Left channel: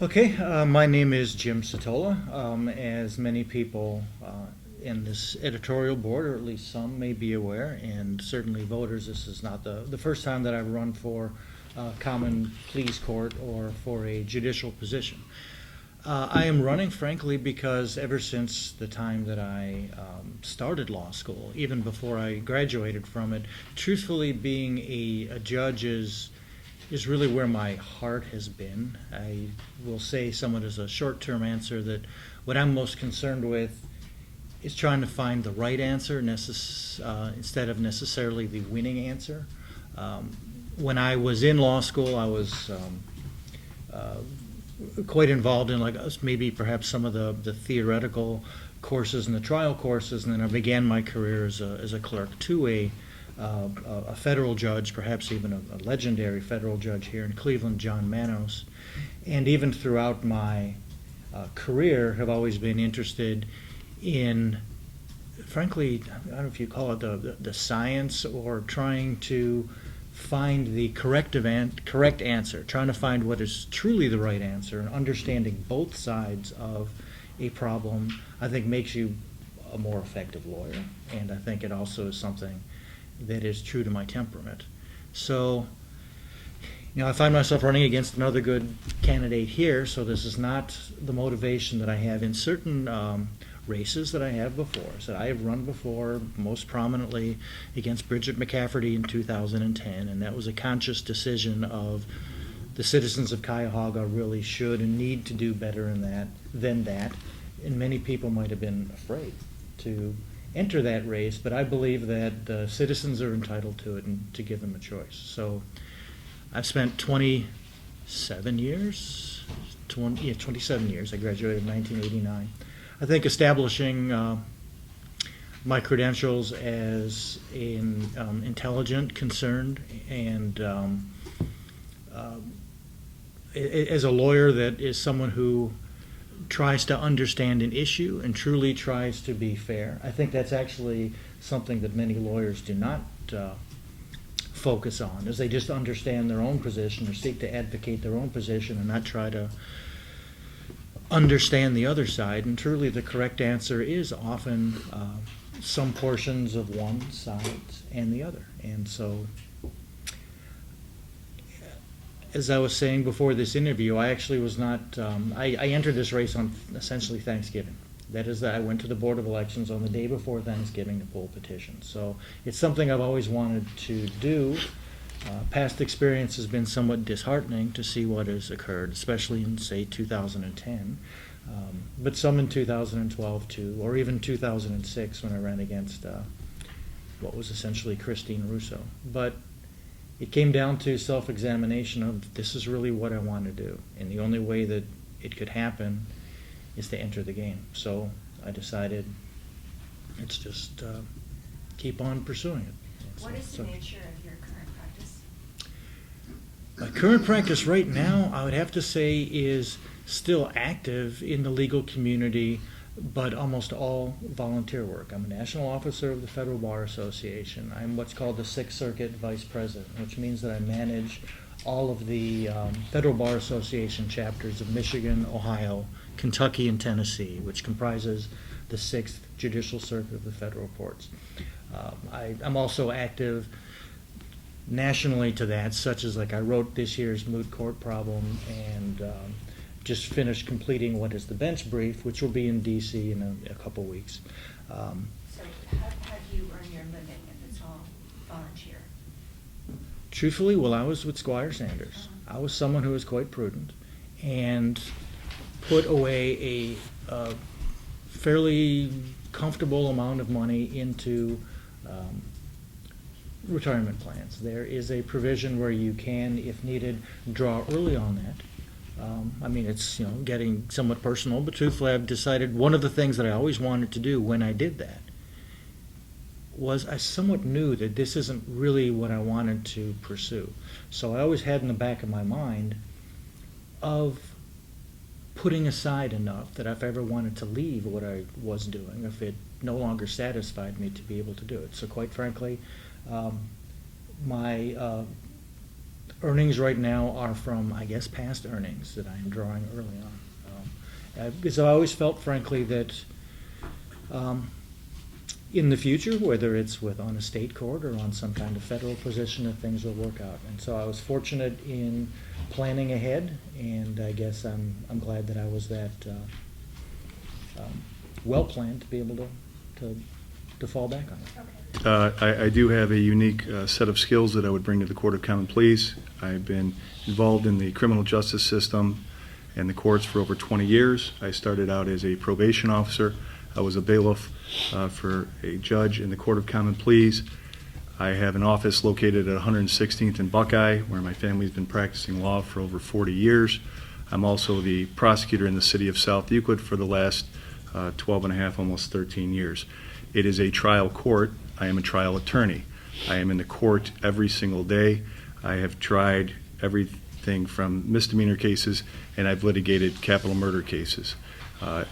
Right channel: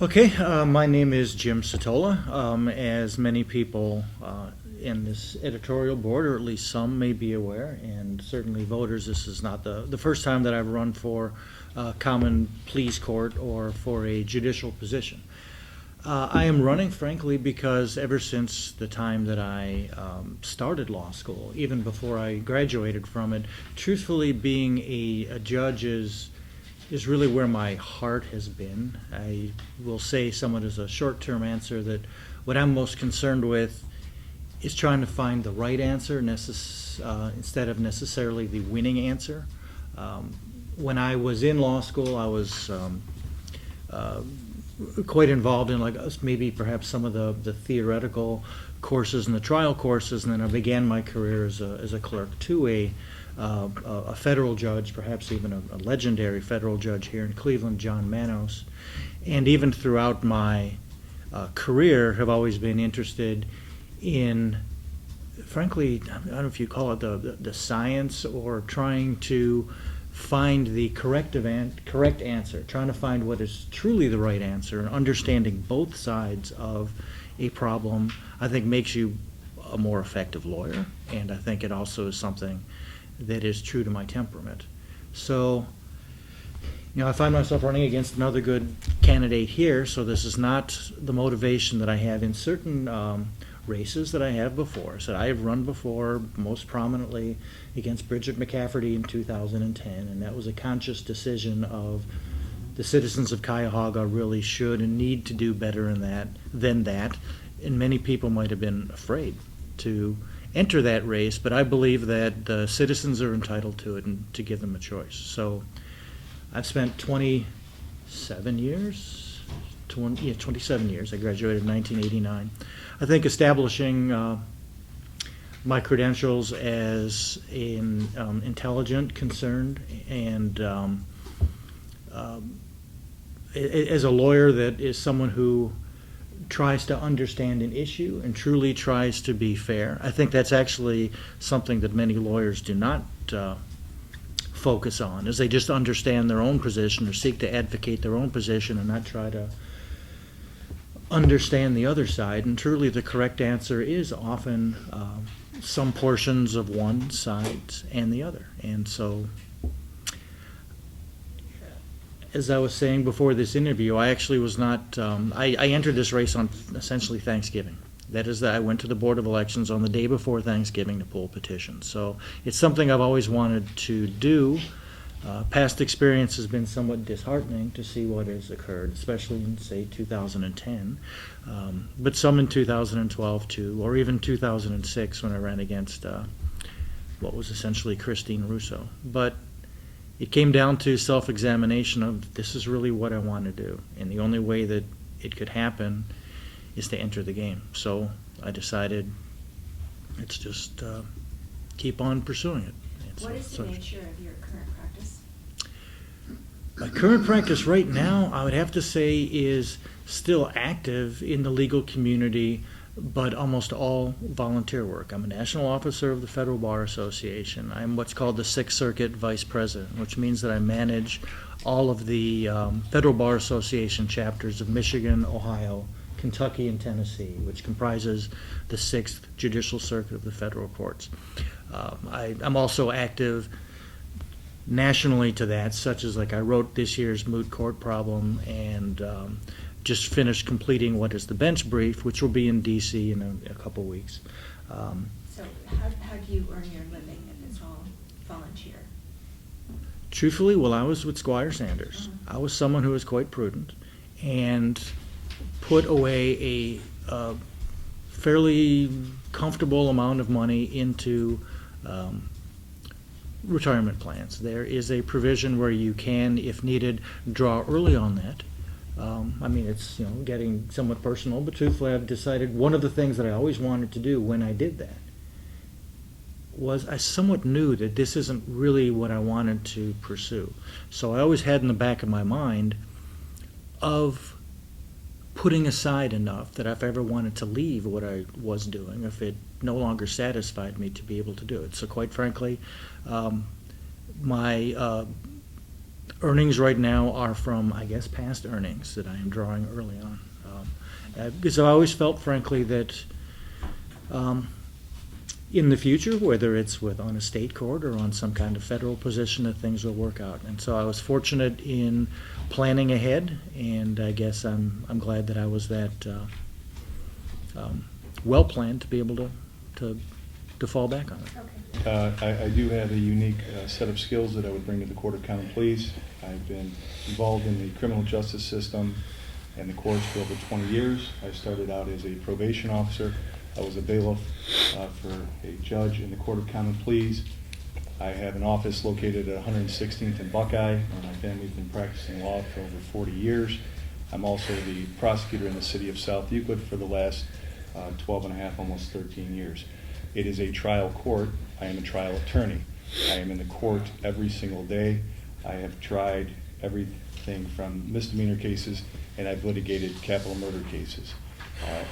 Okay, my name is Jim-Satola. As many people in this editorial board, or at least some, may be aware, and certainly voters, this is not the first time that I've run for common pleas court or for a judicial position. I am running, frankly, because ever since the time that I started law school, even before I graduated from it, truthfully, being a judge is really where my heart has been. I will say somewhat as a short-term answer that what I'm most concerned with is trying to find the right answer instead of necessarily the winning answer. When I was in law school, I was quite involved in maybe perhaps some of the theoretical courses and the trial courses, and then I began my career as a clerk to a federal judge, perhaps even a legendary federal judge here in Cleveland, John Manos. And even throughout my career have always been interested in, frankly, I don't know if you call it the science, or trying to find the correct answer, trying to find what is truly the right answer, and understanding both sides of a problem, I think makes you a more effective lawyer, and I think it also is something that is true to my temperament. So, I find myself running against another good candidate here, so this is not the motivation that I have in certain races that I have before. So I have run before, most prominently against Bridget McCafferty in 2010, and that was a conscious decision of the citizens of Cuyahoga really should and need to do better than that, and many people might have been afraid to enter that race, but I believe that the citizens are entitled to it and to give them a choice. So I've spent 27 years. I graduated in 1989. I think establishing my credentials as an intelligent, concerned, and as a lawyer that is someone who tries to understand an issue and truly tries to be fair. I think that's actually something that many lawyers do not focus on, is they just understand their own position or seek to advocate their own position and not try to understand the other side. And truly the correct answer is often some portions of one side and the other. And so, as I was saying before this interview, I actually was not, I entered this race on essentially Thanksgiving. That is, that I went to the Board of Elections on the day before Thanksgiving to pull petitions. So it's something I've always wanted to do. Past experience has been somewhat disheartening to see what has occurred, especially in, say, 2010, but some in 2012 too, or even 2006 when I ran against what was essentially Christine Russo. But it came down to self-examination of, this is really what I want to do, and the only way that it could happen is to enter the game. So I decided, let's just keep on pursuing it. What is the nature of your current practice? My current practice right now, I would have to say, is still active in the legal community, but almost all volunteer work. I'm a national officer of the Federal Bar Association. I'm what's called the Sixth Circuit Vice President, which means that I manage all of the Federal Bar Association chapters of Michigan, Ohio, Kentucky, and Tennessee, which comprises the Sixth Judicial Circuit of the federal courts. I'm also active nationally to that, such as I wrote this year's moot court problem and just finished completing what is the bench brief, which will be in D.C. in a couple weeks. So how do you earn your living if it's all volunteer? Truthfully, while I was with Squire Sanders, I was someone who was quite prudent and put away a fairly comfortable amount of money into retirement plans. There is a provision where you can, if needed, draw early on that. It's getting somewhat personal, but truthfully, I've decided one of the things that I always wanted to do when I did that was I somewhat knew that this isn't really what I wanted to pursue. So I always had in the back of my mind of putting aside enough that if I ever wanted to leave what I was doing, if it no longer satisfied me, to be able to do it. So quite frankly, my earnings right now are from, I guess, past earnings that I am drawing early on. Because I always felt, frankly, that in the future, whether it's on a state court or on some kind of federal position, that things will work out. And so I was fortunate in planning ahead, and I guess I'm glad that I was that well planned to be able to fall back on it. Okay. I do have a unique set of skills that I would bring to the Court of Common Pleas. I've been involved in the criminal justice system and the courts for over 20 years. I started out as a probation officer. I was a bailiff for a judge in the Court of Common Pleas. I have an office located at 116th and Buckeye, where my family's been practicing law for over 40 years. I'm also the prosecutor in the city of South Euclid for the last 12 and a half, almost 13 years. It is a trial court. I am a trial attorney. I am in the court every single day. I have tried everything from misdemeanor cases, and I've litigated capital murder cases.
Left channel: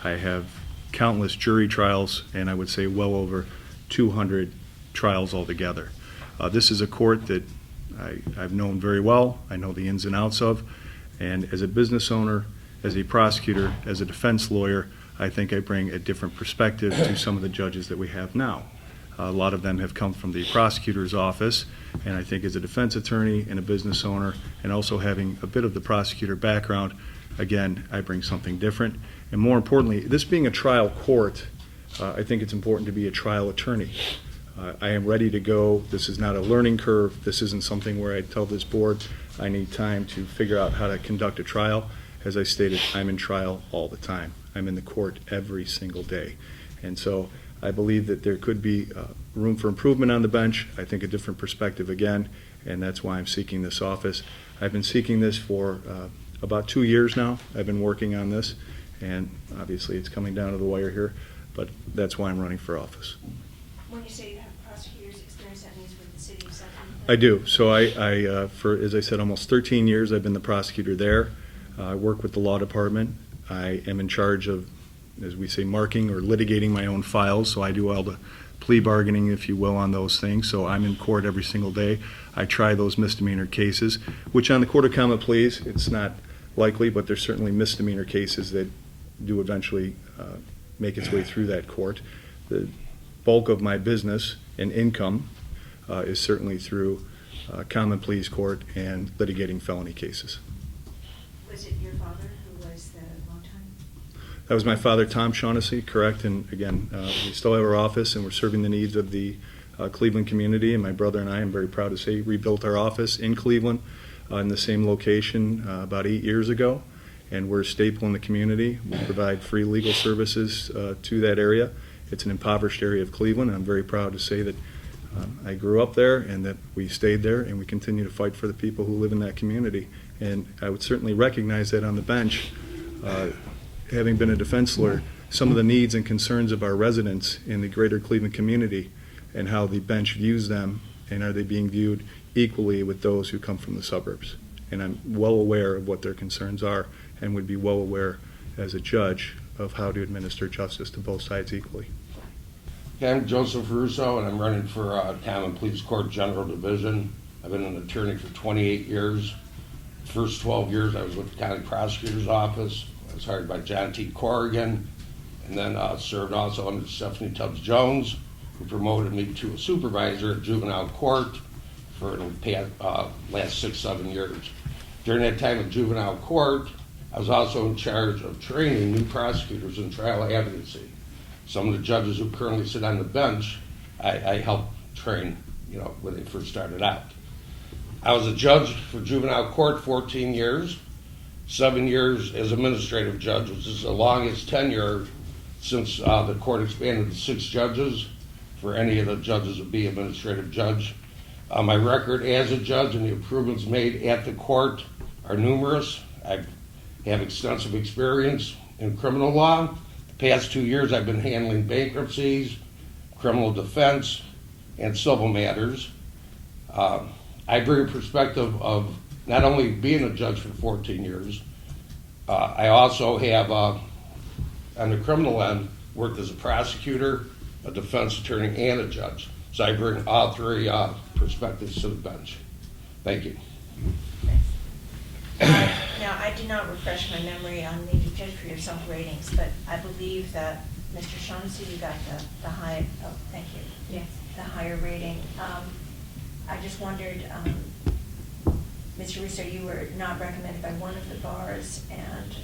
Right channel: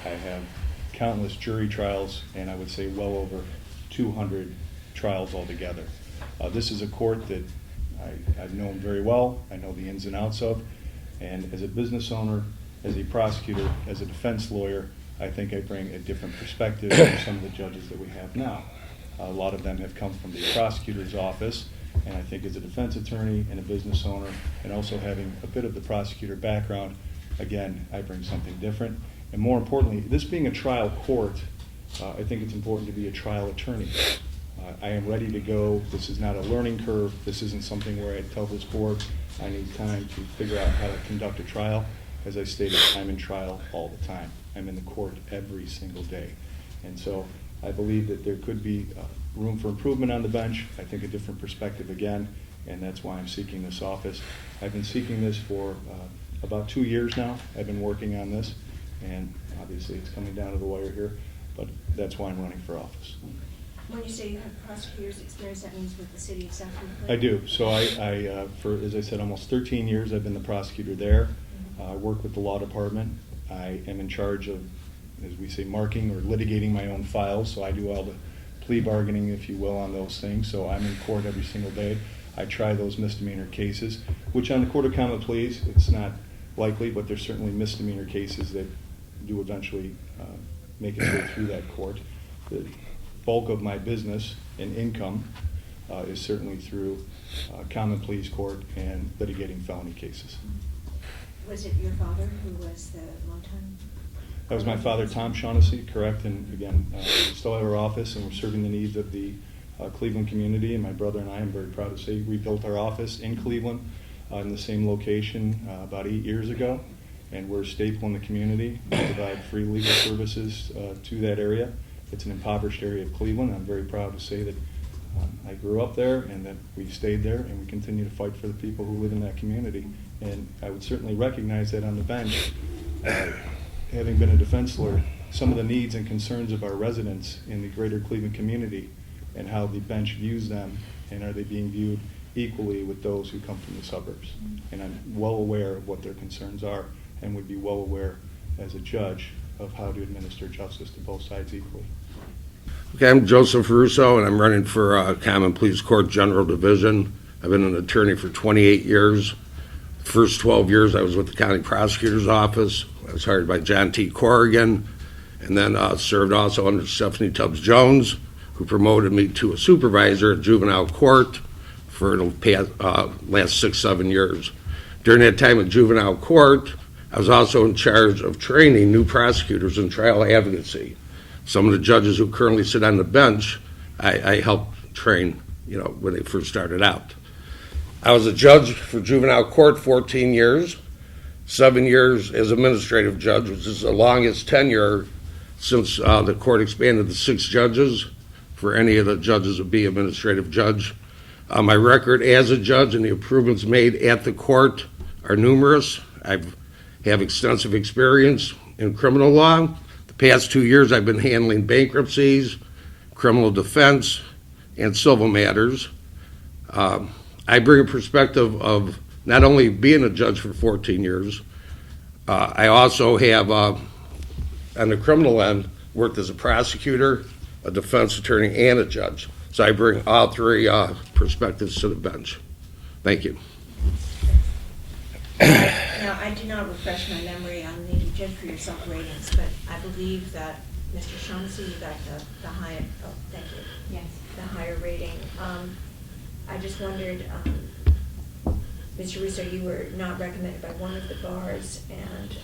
I have countless jury trials, and I would say well over 200 trials altogether. This is a court that I've known very well. I know the ins and outs of, and as a business owner, as a prosecutor, as a defense lawyer, I think I bring a different perspective to some of the judges that we have now. A lot of them have come from the prosecutor's office, and I think as a defense attorney and a business owner, and also having a bit of the prosecutor background, again, I bring something different. And more importantly, this being a trial court, I think it's important to be a trial attorney. I am ready to go. This is not a learning curve. This isn't something where I tell this board I need time to figure out how to conduct a trial. As I stated, I'm in trial all the time. I'm in the court every single day. And so I believe that there could be room for improvement on the bench. I think a different perspective again, and that's why I'm seeking this office. I've been seeking this for about 2 years now. I've been working on this, and obviously it's coming down to the wire here, but that's why I'm running for office. When you say you have prosecutor's experience, that means with the city of South Euclid? I do. So I for, as I said, almost 13 years I've been the prosecutor there. I work with the law department. I am in charge of, as we say, marking or litigating my own files, so I do all the plea bargaining, if you will, on those things. So I'm in court every single day. I try those misdemeanor cases, which on the Court of Common Pleas, it's not likely, but there's certainly misdemeanor cases that do eventually make its way through that court. The bulk of my business and income is certainly through Common Pleas Court and litigating felony cases. Was it your father who was the long-time? That was my father, Tom Shaughnessy, correct. And again, we still have our office, and we're serving the needs of the Cleveland community. And my brother and I, am very proud to say, rebuilt our office in Cleveland in the same location about 8 years ago. And we're a staple in the community. We provide free legal services to that area. It's an impoverished area of Cleveland. I'm very proud to say that I grew up there and that we stayed there, and we continue to fight for the people who live in that community. And I would certainly recognize that on the bench, having been a defense lawyer, some of the needs and concerns of our residents in the greater Cleveland community and how the bench views them, and are they being viewed equally with those who come from the suburbs. And I'm well aware of what their concerns are, and would be well aware as a judge of how to administer justice to both sides equally. Okay, I'm Joseph-Russo, and I'm running for Common Pleas Court General Division. I've been an attorney for 28 years. First 12 years I was with the County Prosecutor's Office. I was hired by John T. Corrigan, and then served also under Stephanie Tubbs-Jones, who promoted me to a supervisor at juvenile court for the last 6-7 years. During that time at juvenile court, I was also in charge of training new prosecutors in trial advocacy. Some of the judges who currently sit on the bench, I helped train, when they first started out. I was a judge for juvenile court 14 years, 7 years as administrative judge, which is the longest tenure since the court expanded to 6 judges for any of the judges to be administrative judge. My record as a judge and the improvements made at the court are numerous. I have extensive experience in criminal law. The past 2 years I've been handling bankruptcies, criminal defense, and civil matters. I bring a perspective of not only being a judge for 14 years, I also have, on the criminal end, worked as a prosecutor, a defense attorney, and a judge. So I bring all 3 perspectives to the bench. Thank you. Now, I did not refresh my memory on the judge for yourself ratings, but I believe that Mr. Shaughnessy, you got the high, oh, thank you. Yes. The higher rating. I just wondered, Mr. Russo, you were not recommended by one of the bars, and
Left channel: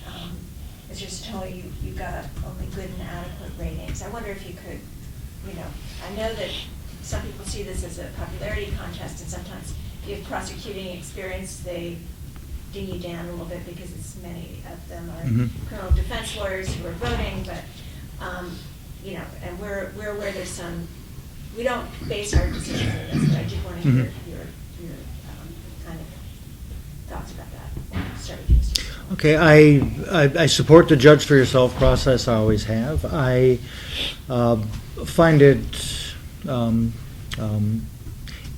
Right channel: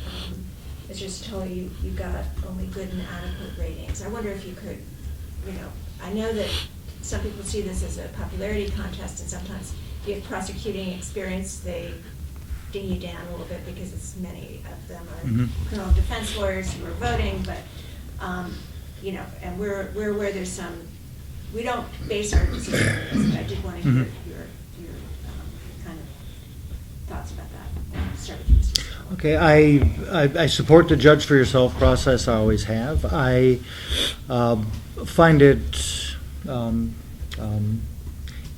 Mr. Satola, you got only good and adequate ratings. I wonder if you could, I know that some people see this as a popularity contest, and sometimes if you have prosecuting experience, they dig you down a little bit because it's many of them are criminal defense lawyers who are voting, but, and we're aware there's some, we don't base our decision on this, but I did want to hear your kind of thoughts about that. Start with you, Mr. Satola. Okay, I support the judge for yourself process. I always have. I find it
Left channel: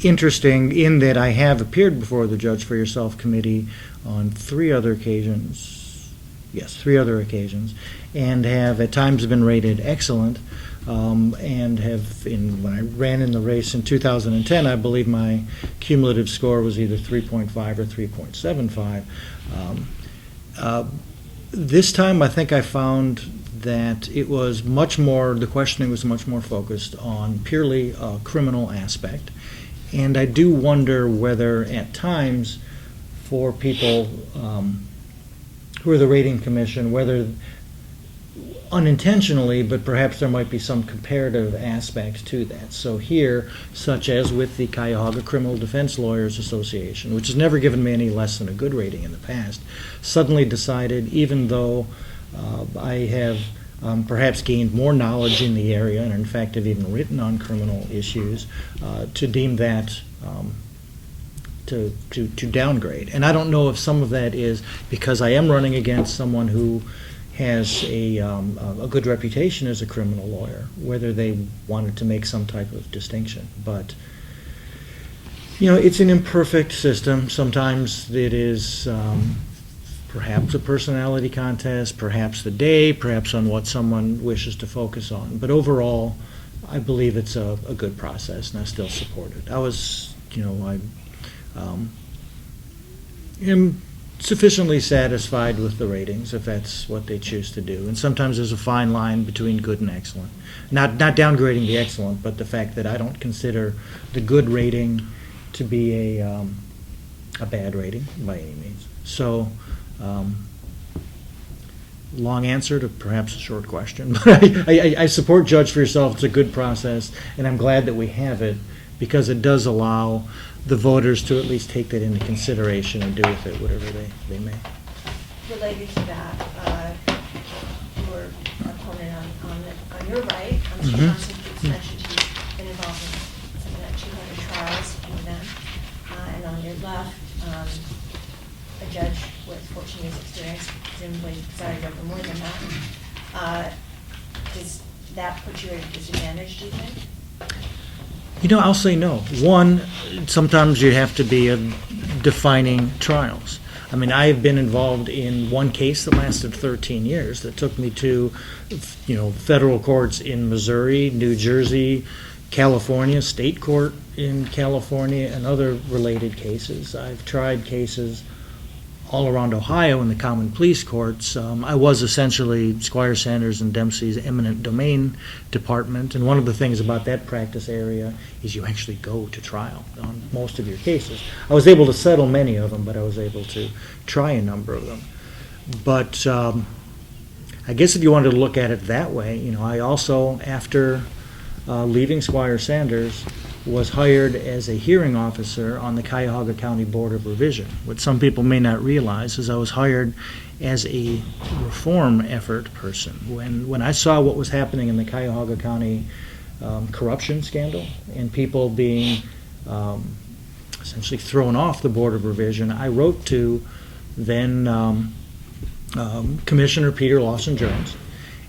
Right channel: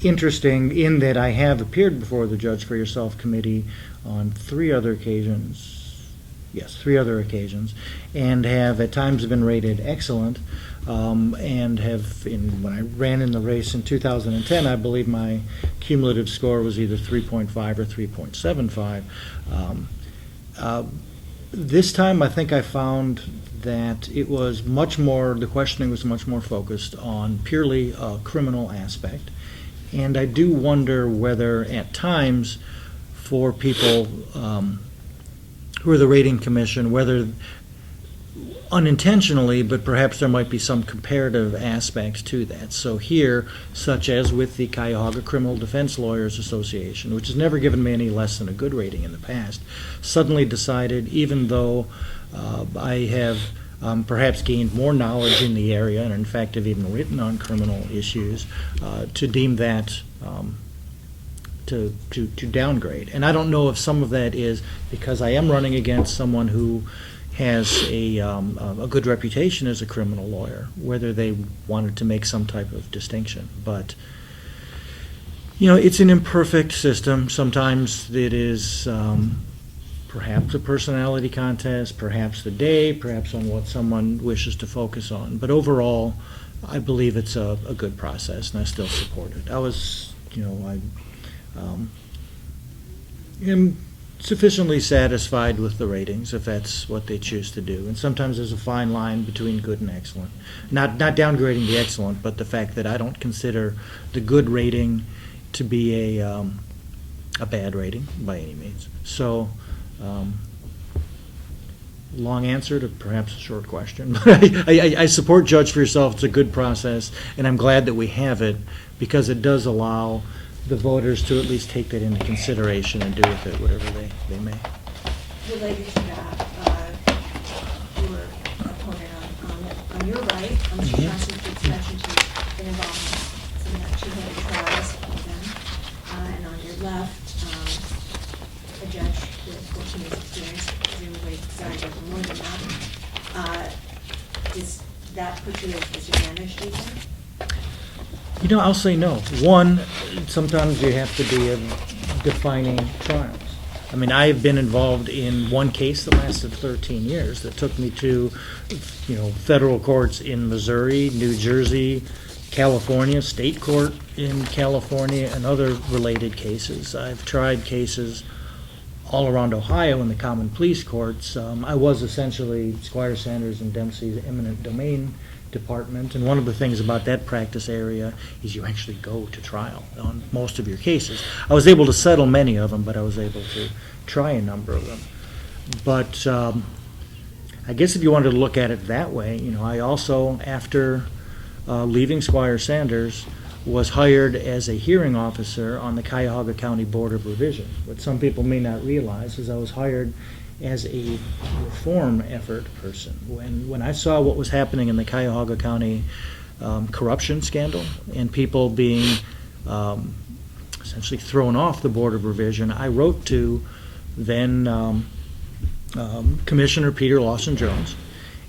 interesting in that I have appeared before the judge for yourself committee on 3 other occasions. Yes, 3 other occasions, and have at times been rated excellent. And have, when I ran in the race in 2010, I believe my cumulative score was either 3.5 or 3.75. This time, I think I found that it was much more, the questioning was much more focused on purely a criminal aspect. And I do wonder whether at times for people who are the rating commission, whether unintentionally, but perhaps there might be some comparative aspects to that. So here, such as with the Cuyahoga Criminal Defense Lawyers Association, which has never given me any less than a good rating in the past, suddenly decided, even though I have perhaps gained more knowledge in the area, and in fact have even written on criminal issues, to deem that to downgrade. And I don't know if some of that is because I am running against someone who has a good reputation as a criminal lawyer, whether they wanted to make some type of distinction. But, it's an imperfect system. Sometimes it is perhaps a personality contest, perhaps the day, perhaps on what someone wishes to focus on. But overall, I believe it's a good process, and I still support it. I am sufficiently satisfied with the ratings, if that's what they choose to do. And sometimes there's a fine line between good and excellent. Not downgrading the excellent, but the fact that I don't consider the good rating to be a bad rating by any means. So, long answer to perhaps a short question, but I support Judge for Yourself. It's a good process, and I'm glad that we have it because it does allow the voters to at least take that into consideration and do with it whatever they may. Related to that, your opponent on your right, Mr. Johnson, mentioned you've been involved in some of that 200 trials, some of them, and on your left, a judge with 14 years experience, presumably presided over more than that. Does that put you at a disadvantage, do you think? I'll say no. One, sometimes you have to be defining trials. I mean, I've been involved in one case that lasted 13 years that took me to, federal courts in Missouri, New Jersey, California, state court in California, and other related cases. I've tried cases all around Ohio in the common pleas courts. I was essentially Squire Sanders and Dempsey's eminent domain department, and one of the things about that practice area is you actually go to trial on most of your cases. I was able to settle many of them, but I was able to try a number of them. But I guess if you wanted to look at it that way, I also, after leaving Squire Sanders, was hired as a hearing officer on the Cuyahoga County Board of Revision. What some people may not realize is I was hired as a reform effort person. When I saw what was happening in the Cuyahoga County corruption scandal and people being essentially thrown off the Board of Revision, I wrote to then Commissioner Peter Lawson-Jones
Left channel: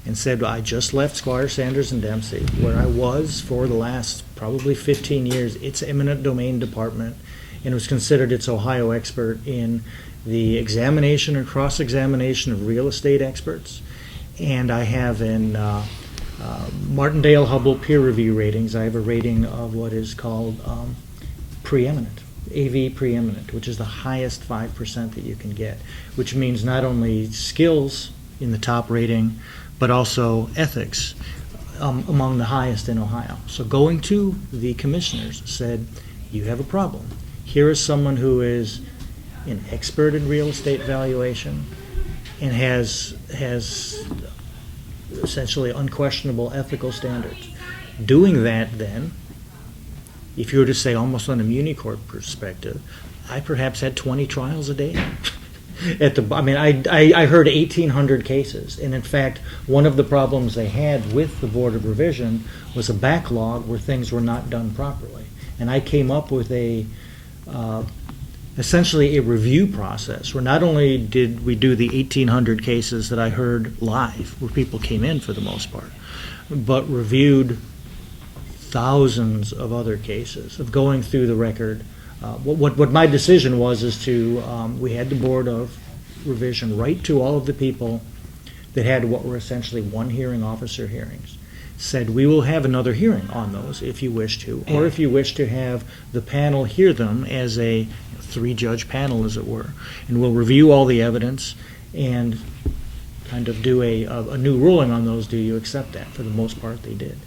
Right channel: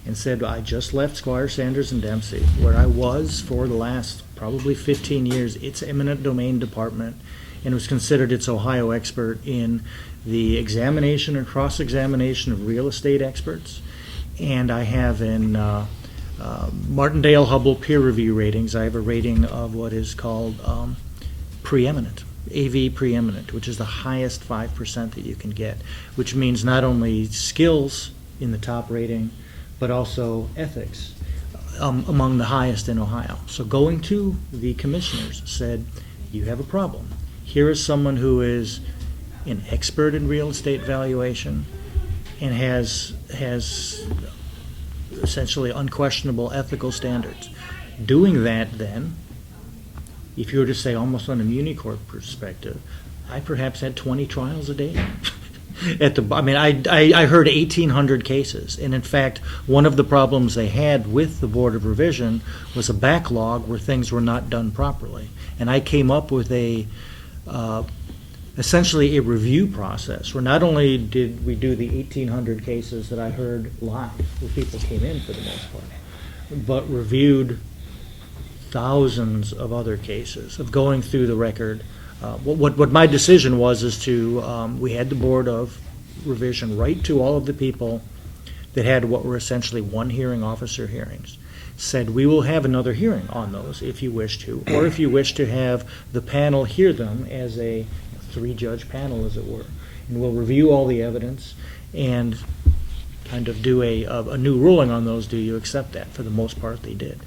and said, I just left Squire Sanders and Dempsey, where I was for the last probably 15 years, its eminent domain department, and was considered its Ohio expert in the examination and cross-examination of real estate experts. And I have in Martindale-Hubbell peer review ratings, I have a rating of what is called preeminent. AV preeminent, which is the highest 5% that you can get, which means not only skills in the top rating, but also ethics among the highest in Ohio. So going to the commissioners said, you have a problem. Here is someone who is an expert in real estate valuation and has essentially unquestionable ethical standards. Doing that, then, if you were to say almost on a muni court perspective, I perhaps had 20 trials a day. I heard 1,800 cases, and in fact, one of the problems they had with the Board of Revision was a backlog where things were not done properly. And I came up with essentially a review process where not only did we do the 1,800 cases that I heard live, where people came in for the most part, but reviewed thousands of other cases of going through the record. What my decision was is we had the Board of Revision write to all of the people that had what were essentially one hearing officer hearings, said we will have another hearing on those if you wish to, or if you wish to have the panel hear them as a 3-judge panel, as it were, and we'll review all the evidence and kind of do a new ruling on those. Do you accept that? For the most part, they did.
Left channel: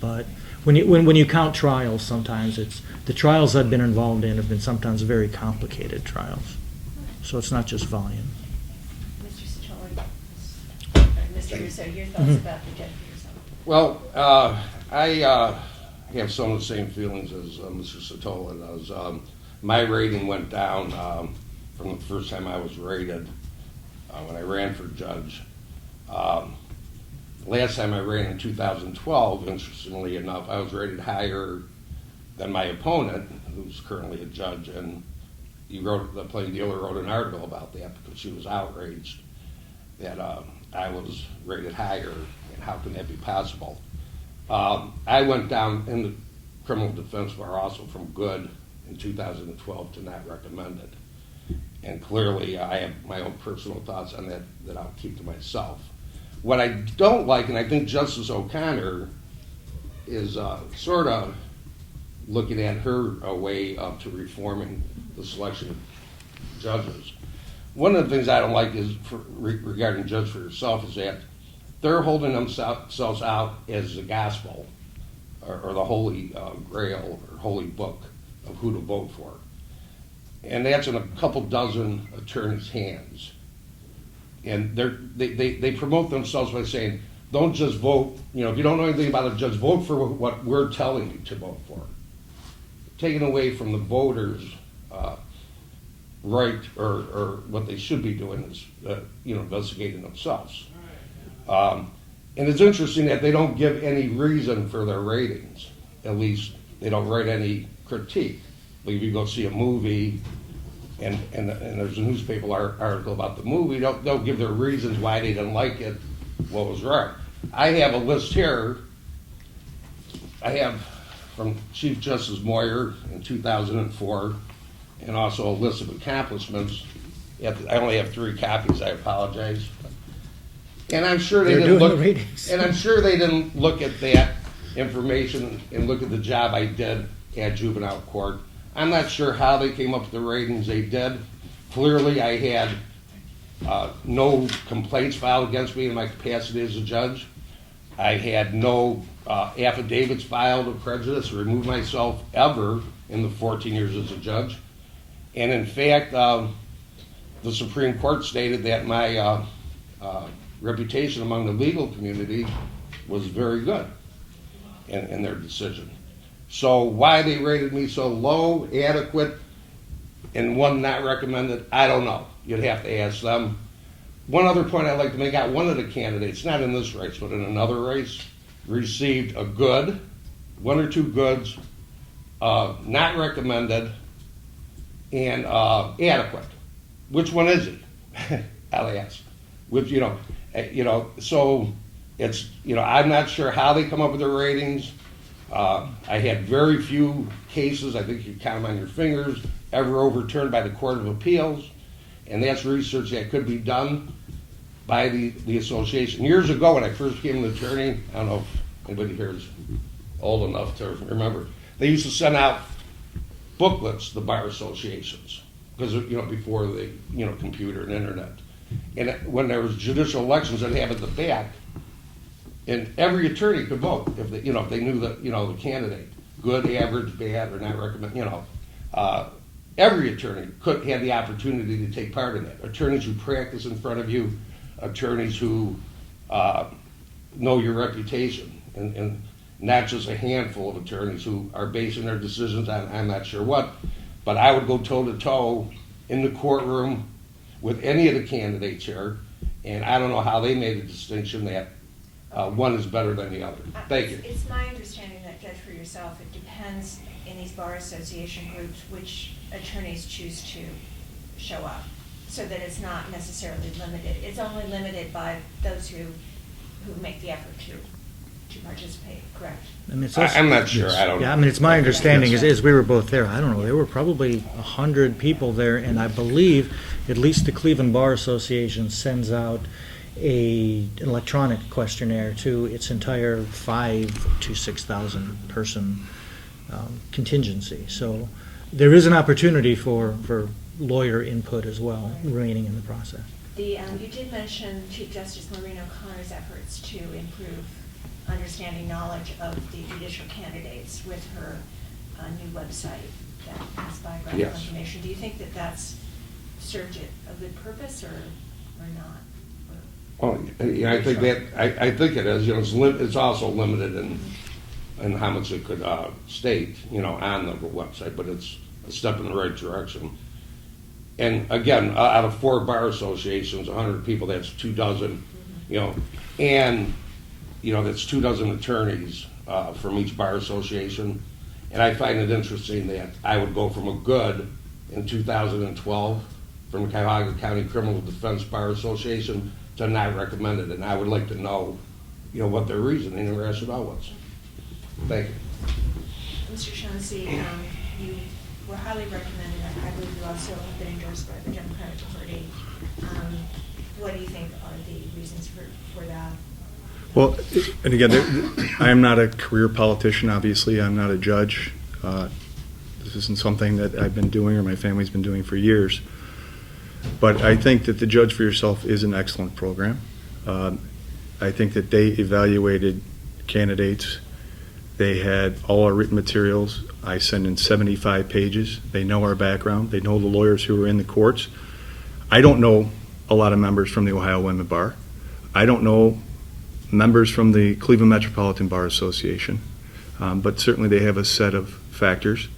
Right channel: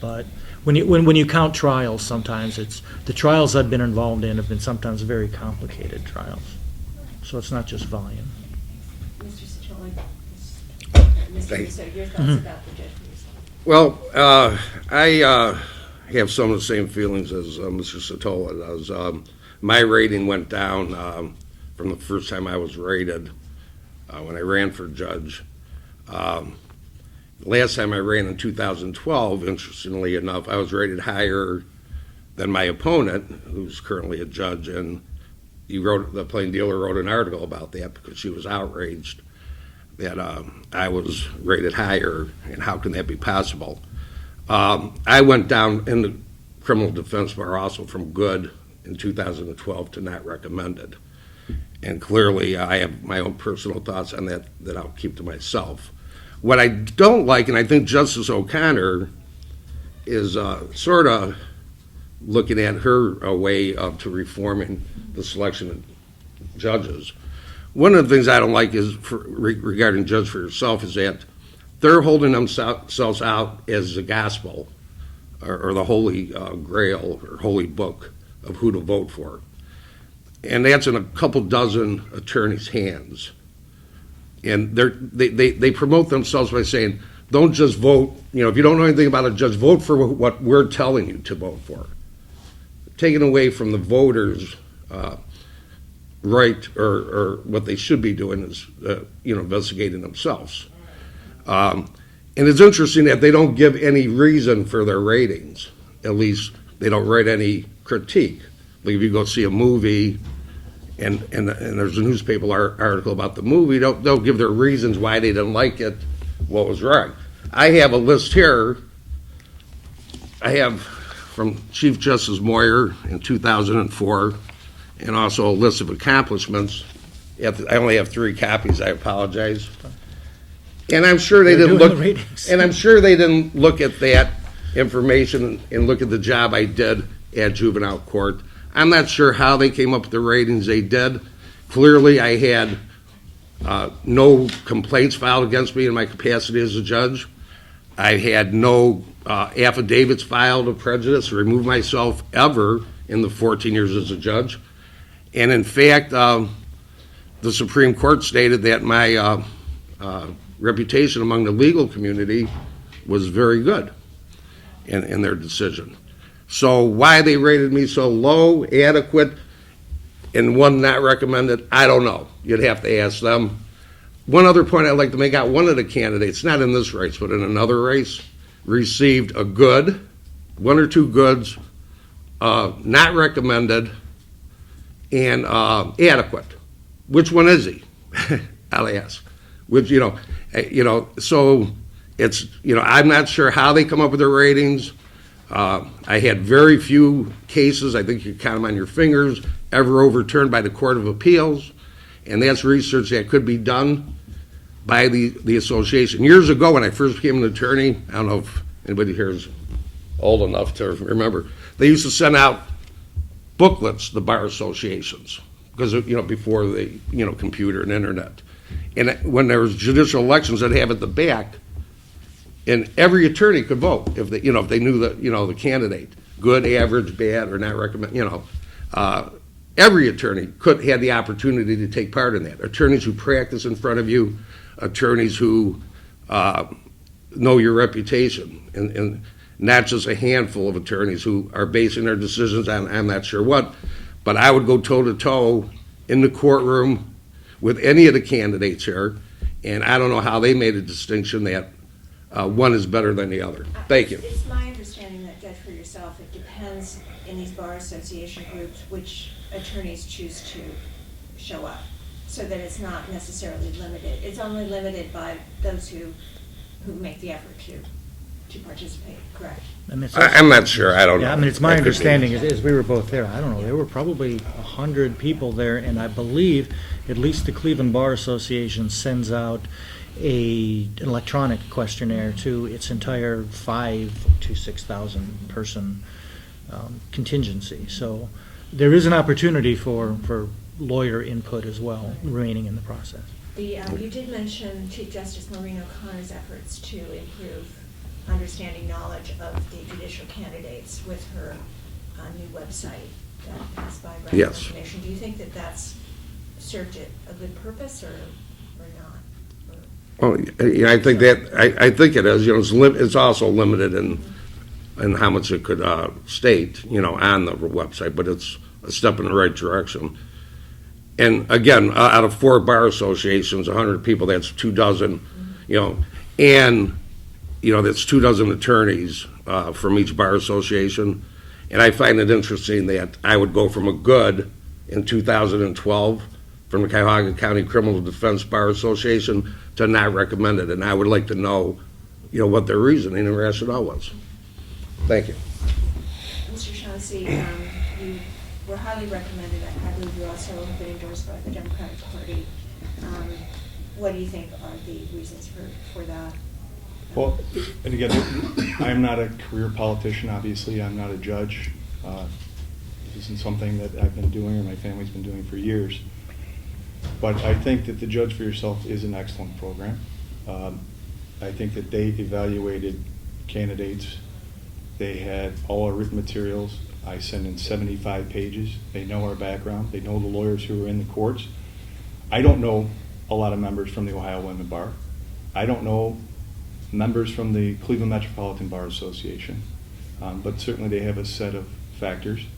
But when you count trials, sometimes it's the trials I've been involved in have been sometimes very complicated trials. So it's not just volume. Mr. Satola, Mr. Russo, your thoughts about the judge for yourself? Well, I have some of the same feelings as Mr. Satola does. My rating went down from the first time I was rated when I ran for judge. Last time I ran in 2012, interestingly enough, I was rated higher than my opponent, who's currently a judge, and the plain dealer wrote an article about that because she was outraged that I was rated higher, and how can that be possible? I went down in the criminal defense bar also from good in 2012 to not recommended. And clearly I have my own personal thoughts on that I'll keep to myself. What I don't like, and I think Justice O'Connor is sort of looking at her way up to reforming the selection of judges. One of the things I don't like is regarding Judge for Yourself is that they're holding themselves out as the gospel or the holy grail or holy book of who to vote for. And that's in a couple dozen attorneys' hands. And they promote themselves by saying, don't just vote, if you don't know anything about a judge, vote for what we're telling you to vote for. Taking away from the voters' right or what they should be doing is, investigating themselves. And it's interesting that they don't give any reason for their ratings. At least they don't write any critique. Like if you go see a movie and there's a newspaper article about the movie, they'll give their reasons why they didn't like it, what was wrong. I have a list here. I have from Chief Justice Moyer in 2004, and also a list of accomplishments. I only have 3 copies. I apologize. And I'm sure they didn't look. And I'm sure they didn't look at that information and look at the job I did at juvenile court. I'm not sure how they came up with the ratings they did. Clearly, I had no complaints filed against me in my capacity as a judge. I had no affidavits filed of prejudice or remove myself ever in the 14 years as a judge. And in fact, the Supreme Court stated that my reputation among the legal community was very good in their decision. So why they rated me so low, adequate, and one not recommended, I don't know. You'd have to ask them. One other point I'd like to make out, one of the candidates, not in this race, but in another race, received a good, 1 or 2 goods, not recommended, and adequate. Which one is he? I'll ask. Which, so it's, I'm not sure how they come up with their ratings. I had very few cases, I think you can count them on your fingers, ever overturned by the Court of Appeals, and that's research that could be done by the association. Years ago, when I first became an attorney, I don't know if anybody here is old enough to remember, they used to send out booklets, the bar associations, because, before the, computer and internet. And when there was judicial elections, they'd have at the back, and every attorney could vote if they, if they knew the candidate, good, average, bad, or not recommend, every attorney had the opportunity to take part in that. Attorneys who practice in front of you, attorneys who know your reputation, and not just a handful of attorneys who are basing their decisions on I'm not sure what. But I would go toe-to-toe in the courtroom with any of the candidates here, and I don't know how they made a distinction that one is better than the other. Thank you. It's my understanding that, judge for yourself, it depends in these bar association groups which attorneys choose to show up, so that it's not necessarily limited. It's only limited by those who make the effort to participate, correct? I mean, it's also- I'm not sure. I don't know. Yeah, I mean, it's my understanding, as we were both there, I don't know, there were probably 100 people there, and I believe at least the Cleveland Bar Association sends out an electronic questionnaire to its entire 5,000 to 6,000 person contingency. So there is an opportunity for lawyer input as well remaining in the process. You did mention Chief Justice Maureen O'Connor's efforts to improve understanding knowledge of the judicial candidates with her new website that has biographical Yes. information. Do you think that that's served it a good purpose or not? Well, yeah, I think it is. It's also limited in how much it could state, on the website, but it's a step in the right direction. And again, out of 4 bar associations, 100 people, that's 24, and that's 24 attorneys from each bar association. And I find it interesting that I would go from a good in 2012 from the Cuyahoga County Criminal Defense Bar Association to not recommended, and I would like to know, what their reasoning and rationale was. Thank you. Mr. Shaughnessy, you were highly recommended. I believe you also have been endorsed by the Democratic Party. What do you think are the reasons for that? Well, and again, I'm not a career politician, obviously. I'm not a judge. This isn't something that I've been doing or my family's been doing for years. But I think that the Judge for Yourself is an excellent program. I think that they evaluated candidates. They had all our written materials. I sent in 75 pages. They know our background. They know the lawyers who are in the courts. I don't know a lot of members from the Ohio Women Bar. I don't know members from the Cleveland Metropolitan Bar Association. But certainly they have a set of factors.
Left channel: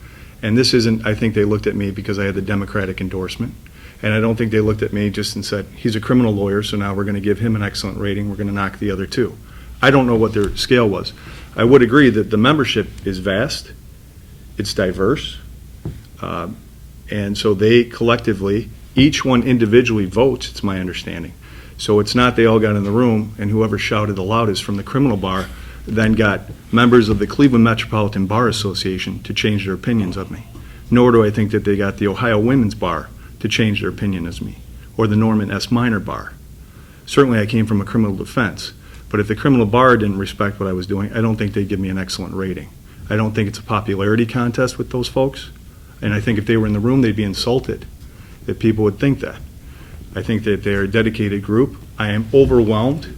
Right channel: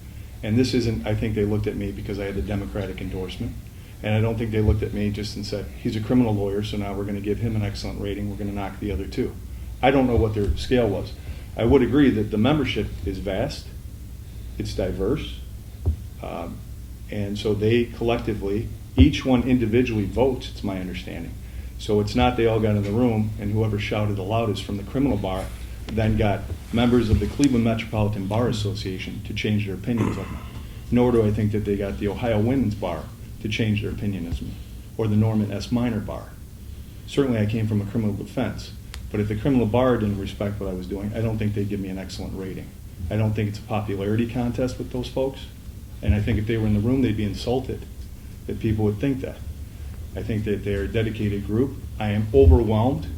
And this isn't, I think they looked at me because I had the Democratic endorsement. And I don't think they looked at me just and said, he's a criminal lawyer, so now we're going to give him an excellent rating. We're going to knock the other 2. I don't know what their scale was. I would agree that the membership is vast. It's diverse. And so they collectively, each one individually votes, it's my understanding. So it's not they all got in the room and whoever shouted the loudest from the criminal bar then got members of the Cleveland Metropolitan Bar Association to change their opinions of me. Nor do I think that they got the Ohio Women's Bar to change their opinion as me, or the Norman S. Minor Bar. Certainly I came from a criminal defense, but if the criminal bar didn't respect what I was doing, I don't think they'd give me an excellent rating. I don't think it's a popularity contest with those folks, and I think if they were in the room, they'd be insulted that people would think that. I think that they're a dedicated group. I am overwhelmed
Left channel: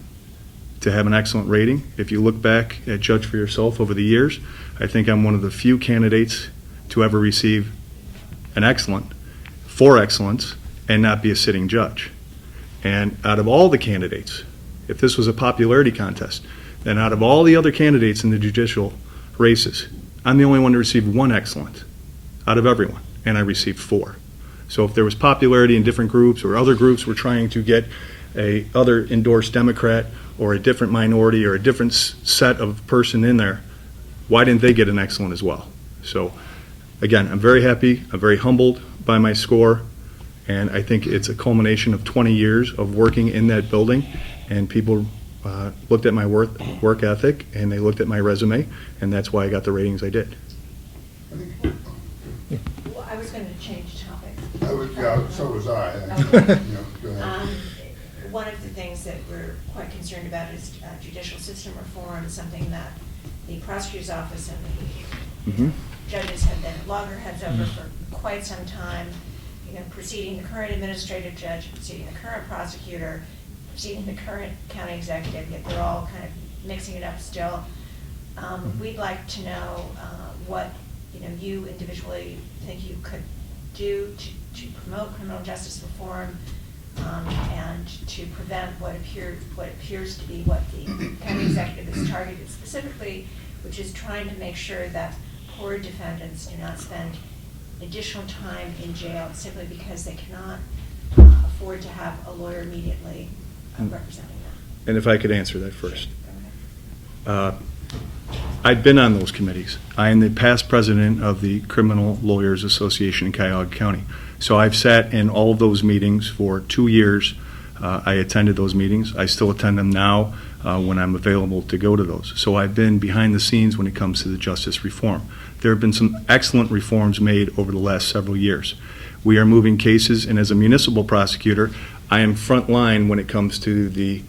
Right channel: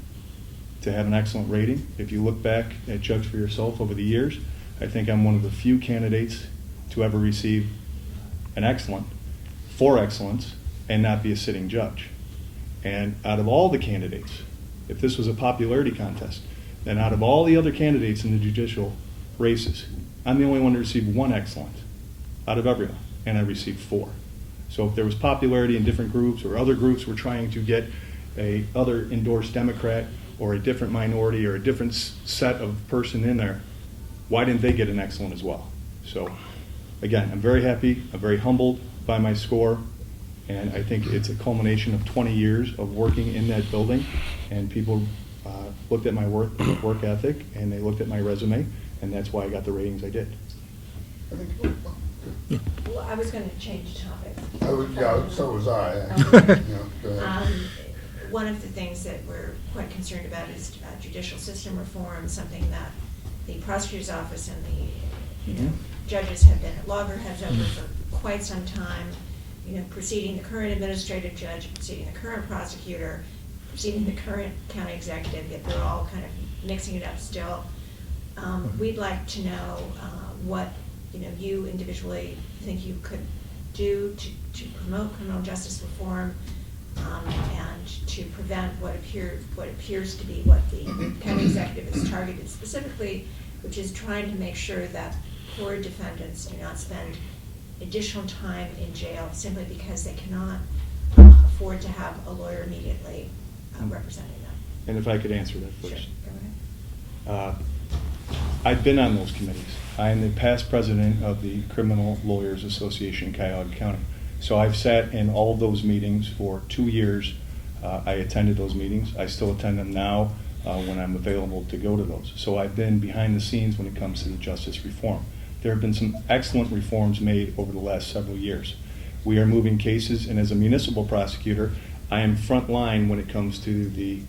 to have an excellent rating. If you look back at Judge for Yourself over the years, I think I'm one of the few candidates to ever receive an excellent, for excellence, and not be a sitting judge. And out of all the candidates, if this was a popularity contest, then out of all the other candidates in the judicial races, I'm the only one to receive 1 excellent out of everyone, and I received 4. So if there was popularity in different groups or other groups were trying to get a other endorsed Democrat or a different minority or a different set of person in there, why didn't they get an excellent as well? So again, I'm very happy, I'm very humbled by my score, and I think it's a culmination of 20 years of working in that building, and people looked at my work ethic and they looked at my resume, and that's why I got the ratings I did. Well, I was going to change topics. So was I. Okay. Go ahead. One of the things that we're quite concerned about is judicial system reform, something that the prosecutor's office and the judges have been at loggerheads over for quite some time, you know, preceding the current administrative judge, preceding the current prosecutor, preceding the current county executive, yet they're all kind of mixing it up still. We'd like to know what, you know, you individually think you could do to promote criminal justice reform, and to prevent what appears to be what the county executive is targeted specifically, which is trying to make sure that poor defendants do not spend additional time in jail simply because they cannot afford to have a lawyer immediately representing them. And if I could answer that first. I've been on those committees. I am the past president of the Criminal Lawyers Association in Cuyahoga County. So I've sat in all of those meetings for 2 years. I attended those meetings. I still attend them now when I'm available to go to those. So I've been behind the scenes when it comes to the justice reform. There have been some excellent reforms made over the last several years. We are moving cases, and as a municipal prosecutor, I am front line when it comes to the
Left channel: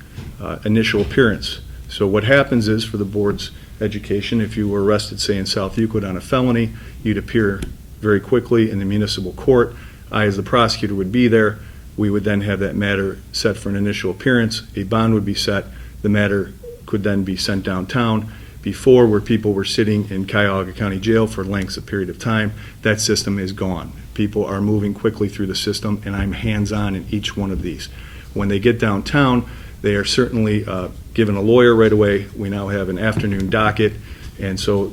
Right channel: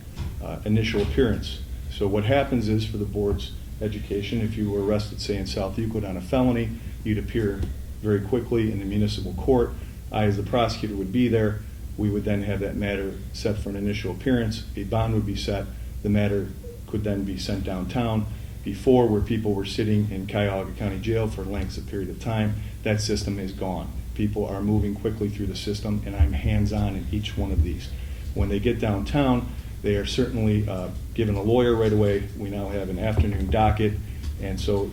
initial appearance. So what happens is, for the board's education, if you were arrested, say, in South Euclid on a felony, you'd appear very quickly in the municipal court. I, as the prosecutor, would be there. We would then have that matter set for an initial appearance. A bond would be set. The matter could then be sent downtown. Before, where people were sitting in Cuyahoga County Jail for lengths of period of time, that system is gone. People are moving quickly through the system, and I'm hands-on in each one of these. When they get downtown, they are certainly given a lawyer right away. We now have an afternoon docket, and so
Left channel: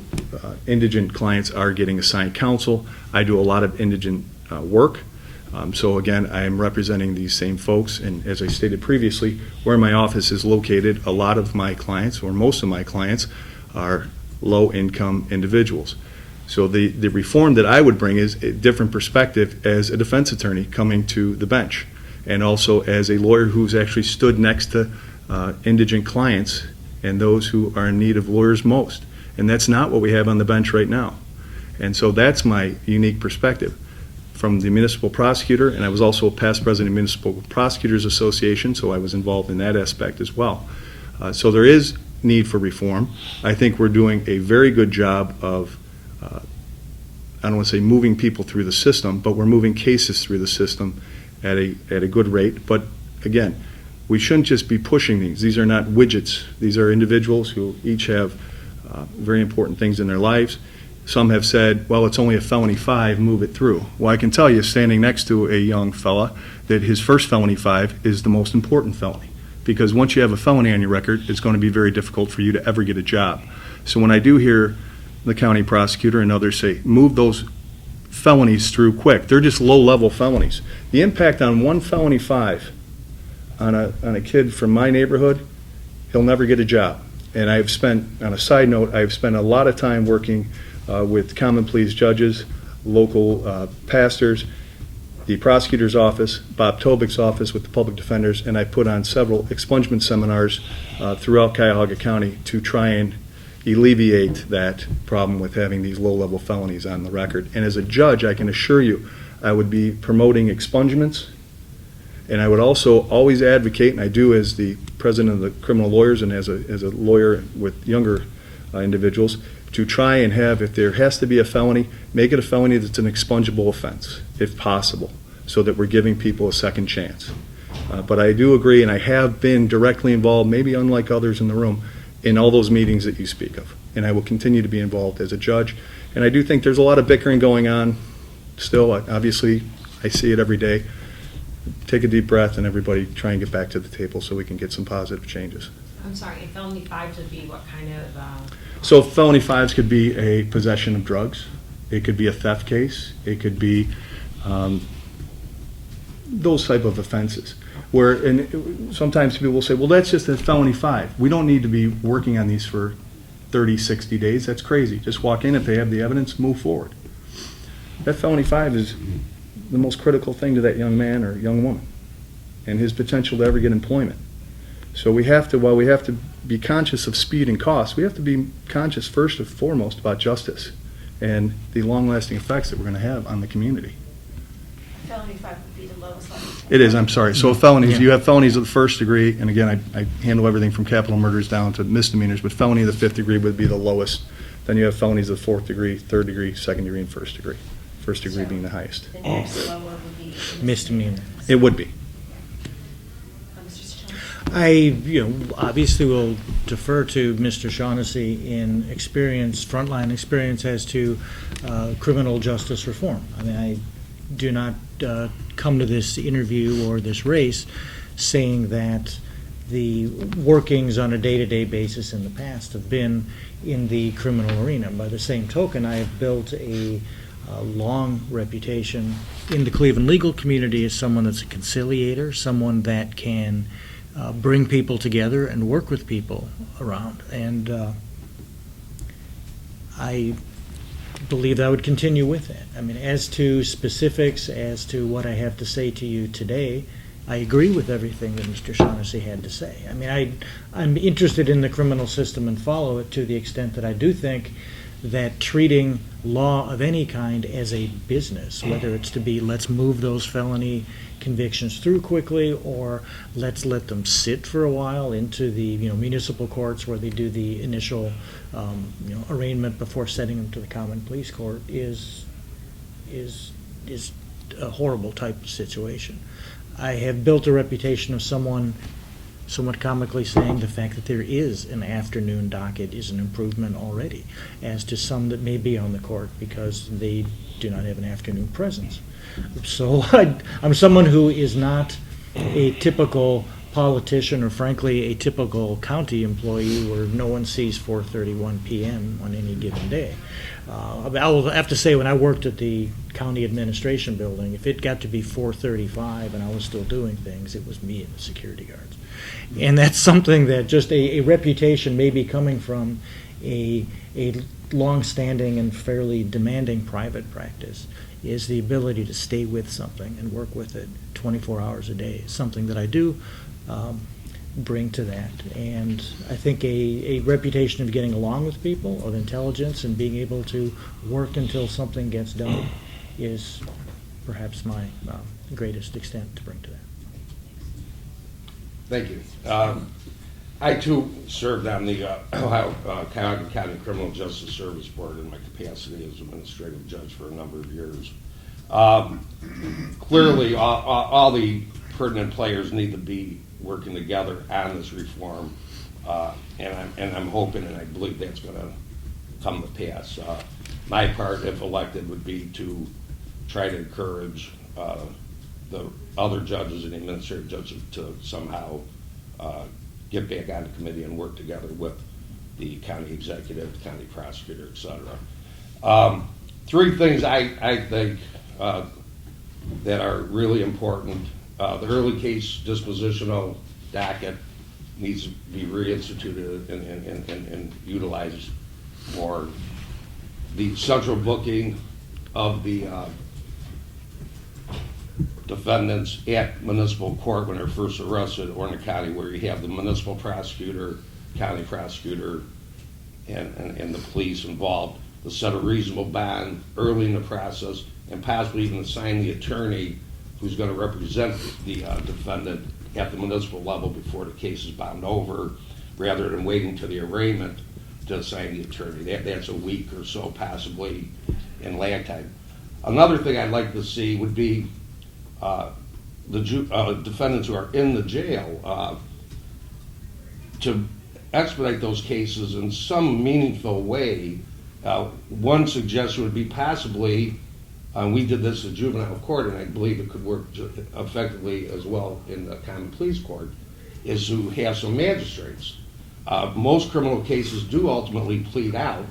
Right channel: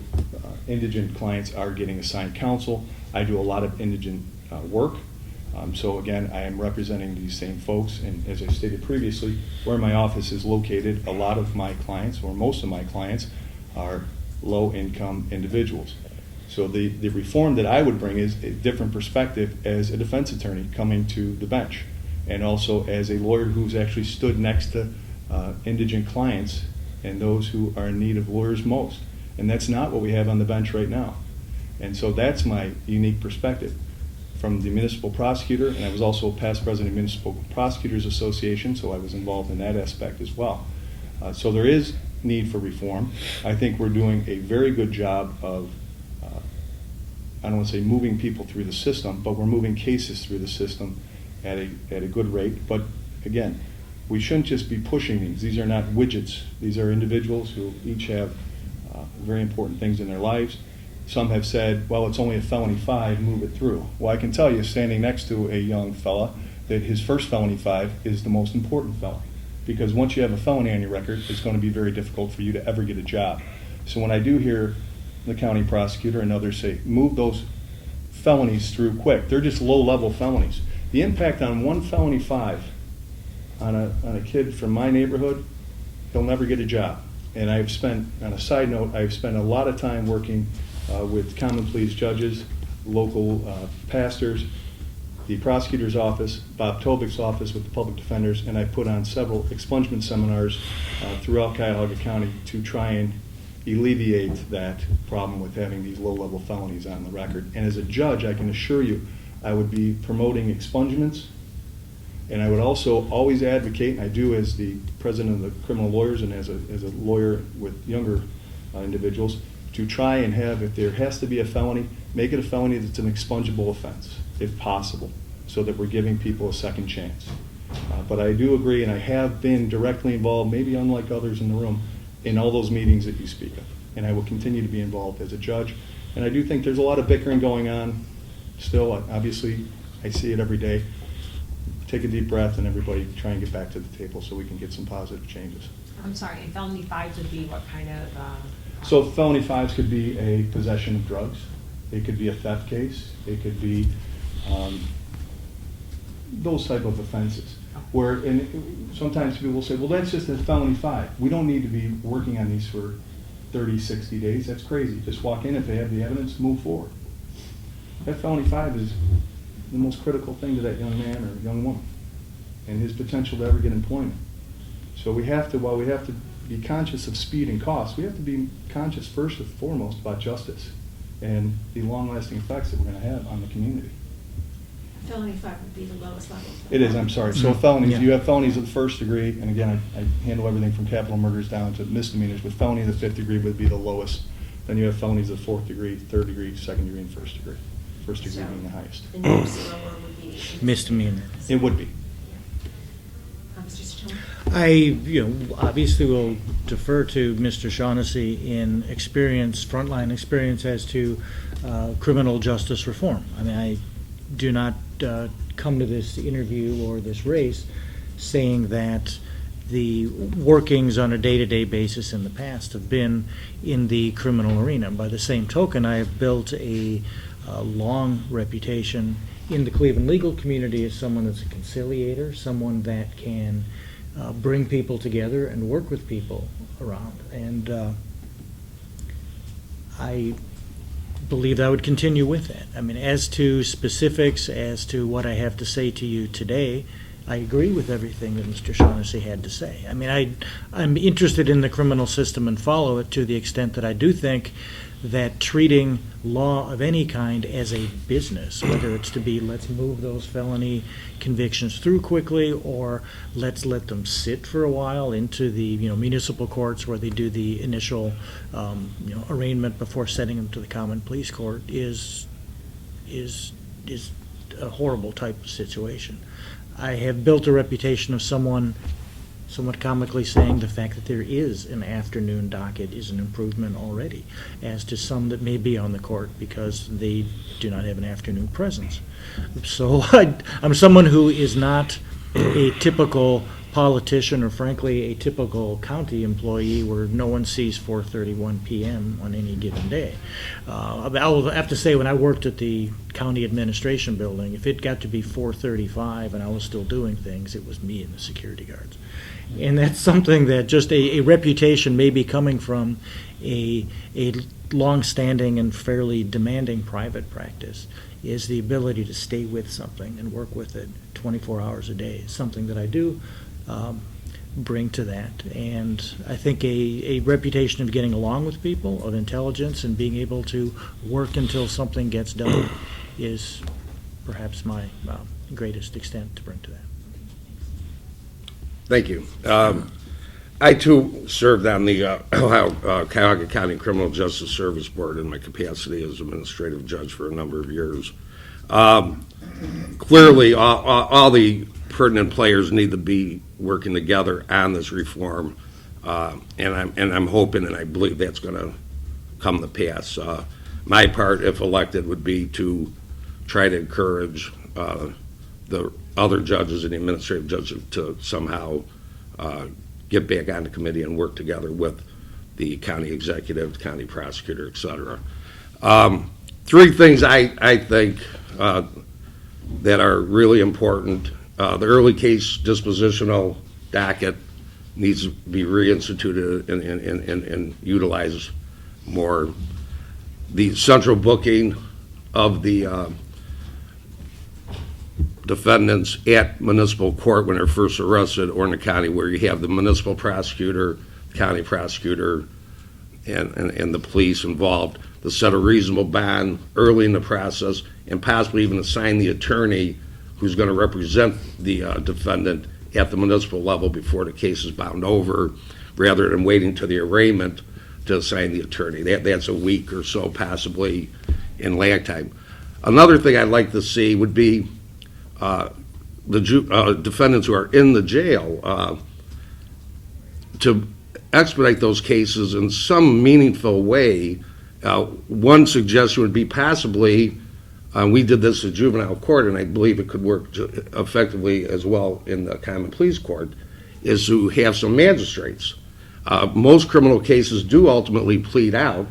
indigent clients are getting assigned counsel. I do a lot of indigent work. So again, I am representing these same folks, and as I stated previously, where my office is located, a lot of my clients, or most of my clients, are low-income individuals. So the reform that I would bring is a different perspective as a defense attorney coming to the bench, and also as a lawyer who's actually stood next to indigent clients and those who are in need of lawyers most. And that's not what we have on the bench right now. And so that's my unique perspective from the municipal prosecutor, and I was also a past president of Municipal Prosecutors Association, so I was involved in that aspect as well. So there is need for reform. I think we're doing a very good job of, I don't want to say moving people through the system, but we're moving cases through the system at a good rate. But again, we shouldn't just be pushing these. These are not widgets. These are individuals who each have very important things in their lives. Some have said, well, it's only a felony 5, move it through. Well, I can tell you, standing next to a young fella, that his first felony 5 is the most important felony. Because once you have a felony on your record, it's going to be very difficult for you to ever get a job. So when I do hear the county prosecutor and others say, move those felonies through quick, they're just low-level felonies. The impact on one felony 5 on a kid from my neighborhood, he'll never get a job. And I've spent, on a side note, I've spent a lot of time working with common pleas judges, local pastors, the prosecutor's office, Bob Tobik's office with the public defenders, and I put on several expungement seminars throughout Cuyahoga County to try and alleviate that problem with having these low-level felonies on the record. And as a judge, I can assure you, I would be promoting expungements, and I would also always advocate, and I do as the president of the criminal lawyers and as a lawyer with younger individuals, to try and have, if there has to be a felony, make it a felony that's an expungible offense, if possible, so that we're giving people a second chance. But I do agree, and I have been directly involved, maybe unlike others in the room, in all those meetings that you speak of. And I will continue to be involved as a judge. And I do think there's a lot of bickering going on still. Obviously, I see it every day. Take a deep breath, and everybody try and get back to the table so we can get some positive changes. I'm sorry, and felony 5s would be what kind of? So felony 5s could be a possession of drugs. It could be a theft case. It could be those type of offenses. Where, and sometimes people will say, well, that's just a felony 5. We don't need to be working on these for 30, 60 days. That's crazy. Just walk in. If they have the evidence, move forward. That felony 5 is the most critical thing to that young man or young woman and his potential to ever get employment. So we have to, while we have to be conscious of speed and cost, we have to be conscious first and foremost about justice and the long-lasting effects that we're going to have on the community. Felony 5 would be the lowest level. It is, I'm sorry. So felonies, Yeah. you have felonies of the 1st degree, and again, I handle everything from capital murders down to misdemeanors, but felony of the 5th degree would be the lowest Then you have felonies of 4th degree, 3rd degree, 2nd degree, and 1st degree. 1st degree being the highest. The new Satola would be. Misdemeanor. It would be. Mr. Satola? Obviously will defer to Mr. Shaughnessy in experience, frontline experience as to criminal justice reform. I mean, I do not come to this interview or this race saying that the workings on a day-to-day basis in the past have been in the criminal arena. By the same token, I have built a long reputation in the Cleveland legal community as someone that's a conciliator, someone that can bring people together and work with people around. And I believe I would continue with that. I mean, as to specifics, as to what I have to say to you today, I agree with everything that Mr. Shaughnessy had to say. I mean, I'm interested in the criminal system and follow it to the extent that I do think that treating law of any kind as a business, whether it's to be let's move those felony convictions through quickly or let's let them sit for a while into the municipal courts where they do the initial arraignment before sending them to the common pleas court is a horrible type of situation. I have built a reputation of someone somewhat comically saying the fact that there is an afternoon docket is an improvement already, as to some that may be on the court because they do not have an afternoon presence. So I'm someone who is not a typical politician or frankly a typical county employee where no one sees 4:31 p.m. on any given day. I will have to say, when I worked at the county administration building, if it got to be 4:35 and I was still doing things, it was me and the security guards. And that's something that just a reputation may be coming from a long-standing and fairly demanding private practice, is the ability to stay with something and work with it 24 hours a day. Is something that I do bring to that. And I think a reputation of getting along with people, of intelligence, and being able to work until something gets done is perhaps my greatest extent to bring to that. Thank you. I, too, served on the Cuyahoga County Criminal Justice Service Board in my capacity as administrative judge for a number of years. Clearly, all the pertinent players need to be working together on this reform, and I'm hoping and I believe that's going to come to pass. My part, if elected, would be to try to encourage the other judges and the administrative judges to somehow get back on the committee and work together with the county executive, the county prosecutor, et cetera. Three things I think that are really important. The early case dispositional docket needs to be reinstituted and utilized more. The central booking of the defendants at municipal court when they're first arrested, or in the county where you have the municipal prosecutor, county prosecutor, and the police involved, to set a reasonable bond early in the process and possibly even assign the attorney who's going to represent the defendant at the municipal level before the case is bound over, rather than waiting to the arraignment to assign the attorney. That's a week or so possibly in lag time. Another thing I'd like to see would be the defendants who are in the jail to expedite those cases in some meaningful way. One suggestion would be possibly, we did this in juvenile court, and I believe it could work effectively as well in the common pleas court, is to have some magistrates. Most criminal cases do ultimately plead out,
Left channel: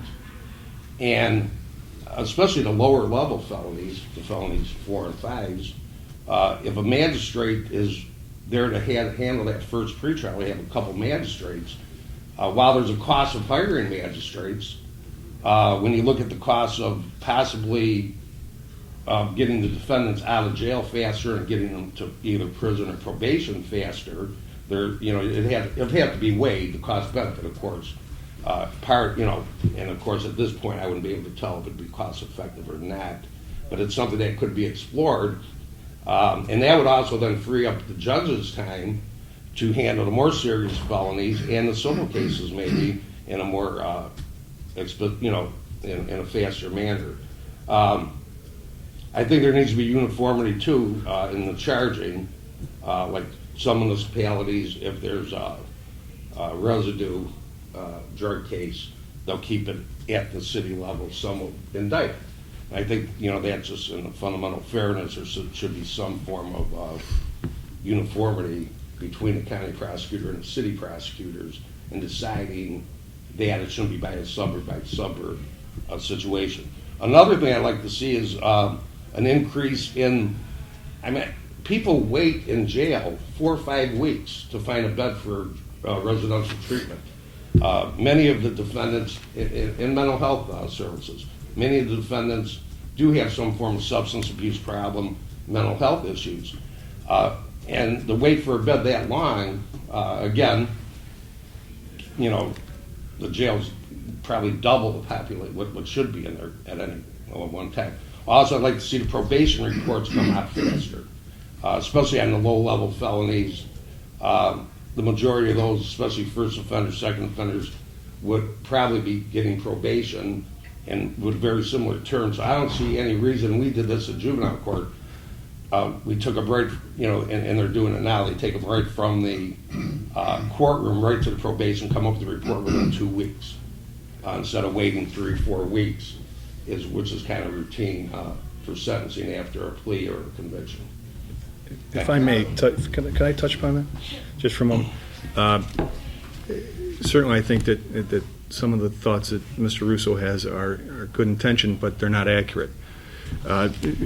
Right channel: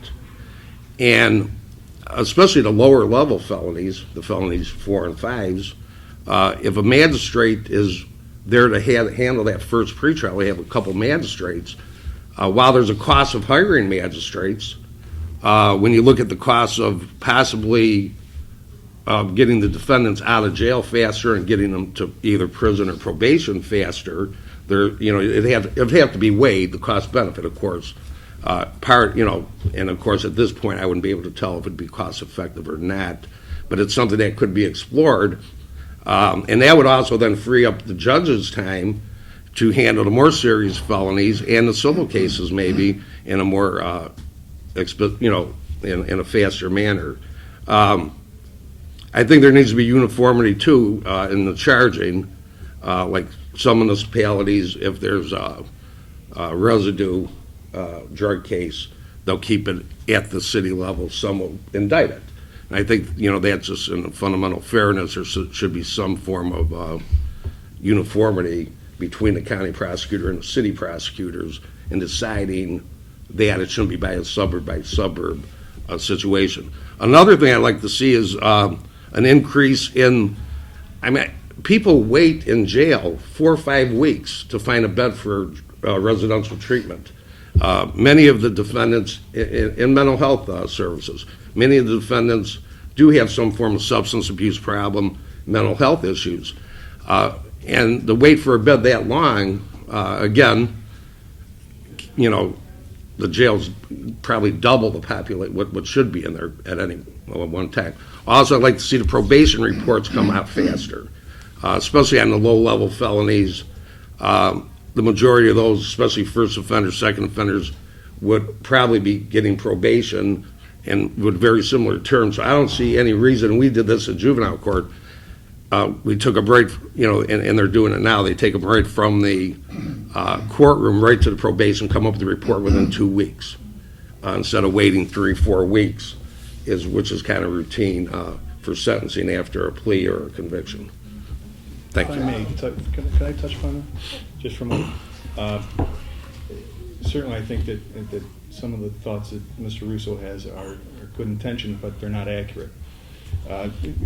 and especially the lower level felonies, the felonies 4 and 5s, if a magistrate is there to handle that first pretrial, we have a couple magistrates. While there's a cost of hiring magistrates, when you look at the cost of possibly getting the defendants out of jail faster and getting them to either prison or probation faster, it'd have to be weighed, the cost benefit, of course. And of course at this point I wouldn't be able to tell if it'd be cost effective or not, but it's something that could be explored. And that would also then free up the judge's time to handle the more serious felonies and the civil cases maybe in a more in a faster manner. I think there needs to be uniformity too in the charging. Like some municipalities, if there's a residue drug case, they'll keep it at the city level, some will indict it. And I think, that's just in fundamental fairness. There should be some form of uniformity between the county prosecutor and the city prosecutors in deciding that it shouldn't be by suburb situation. Another thing I'd like to see is an increase in, people wait in jail 4 or 5 weeks to find a bed for residential treatment. Many of the defendants in mental health services, many of the defendants do have some form of substance abuse problem, mental health issues. And the wait for a bed that long, again, the jails probably double the population, what should be in there at any one time. Also, I'd like to see the probation reports come out faster, especially on the low-level felonies. The majority of those, especially first offenders, second offenders, would probably be getting probation and with very similar terms. So I don't see any reason. We did this in juvenile court. We took a break, and they're doing it now. They take a break from the courtroom right to the probation, come up with the report within 2 weeks, instead of waiting 3 or 4 weeks, which is kind of routine for sentencing after a plea or a conviction. Thank If I you. may, can I touch upon that just for a moment? Certainly, I think that some of the thoughts that Mr. Russo has are good intention, but they're not accurate.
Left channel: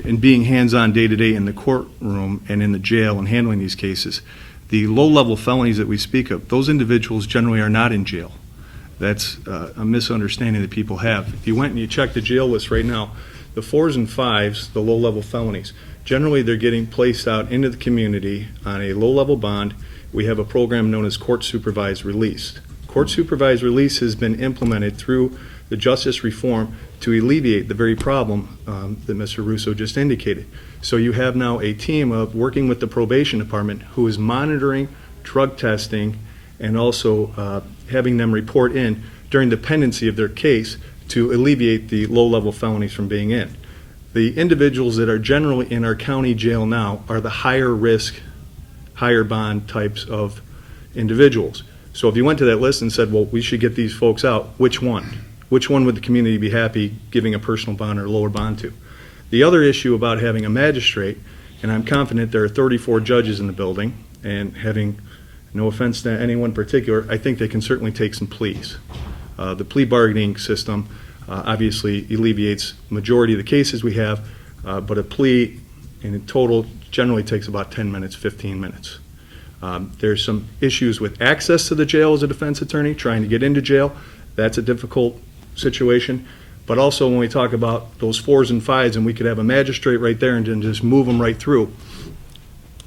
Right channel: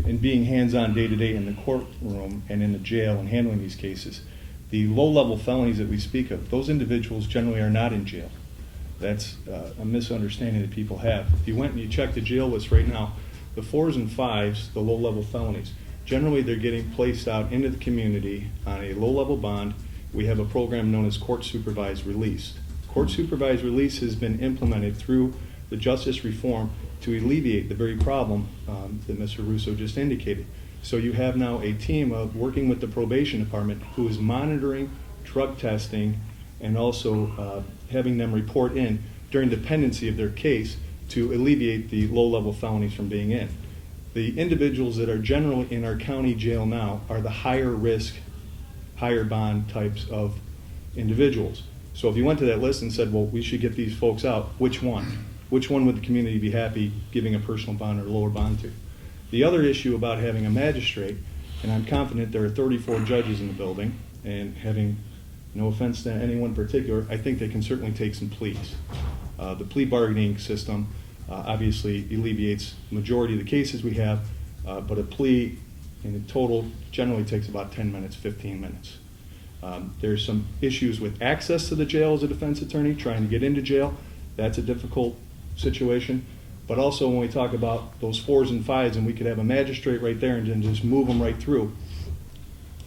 In being hands-on day-to-day in the courtroom and in the jail and handling these cases, the low-level felonies that we speak of, those individuals generally are not in jail. That's a misunderstanding that people have. If you went and you checked the jail list right now, the 4s and 5s, the low-level felonies, generally they're getting placed out into the community on a low-level bond. We have a program known as court-supervised release. Court-supervised release has been implemented through the justice reform to alleviate the very problem that Mr. Russo just indicated. So you have now a team of working with the probation department who is monitoring drug testing and also having them report in during the pendency of their case to alleviate the low-level felonies from being in. The individuals that are generally in our county jail now are the higher risk, higher bond types of individuals. So if you went to that list and said, well, we should get these folks out, which one? Which one would the community be happy giving a personal bond or lower bond to? The other issue about having a magistrate, and I'm confident there are 34 judges in the building, and having no offense to anyone particular, I think they can certainly take some pleas. The plea bargaining system obviously alleviates the majority of the cases we have, but a plea in total generally takes about 10 minutes, 15 minutes. There's some issues with access to the jail as a defense attorney, trying to get into jail. That's a difficult situation. But also when we talk about those 4s and 5s and we could have a magistrate right there and then just move them right through,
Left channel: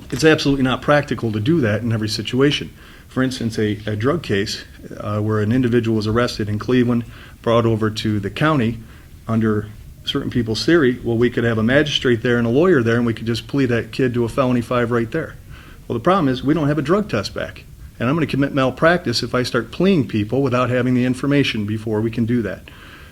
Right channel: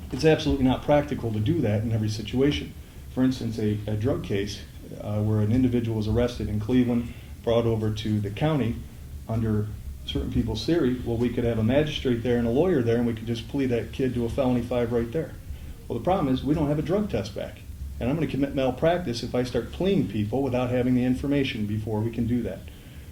it's absolutely not practical to do that in every situation. For instance, a drug case where an individual was arrested in Cleveland, brought over to the county under certain people's theory, well, we could have a magistrate there and a lawyer there and we could just plea that kid to a felony 5 right there. Well, the problem is we don't have a drug test back. And I'm going to commit malpractice if I start pleading people without having the information before we can do that.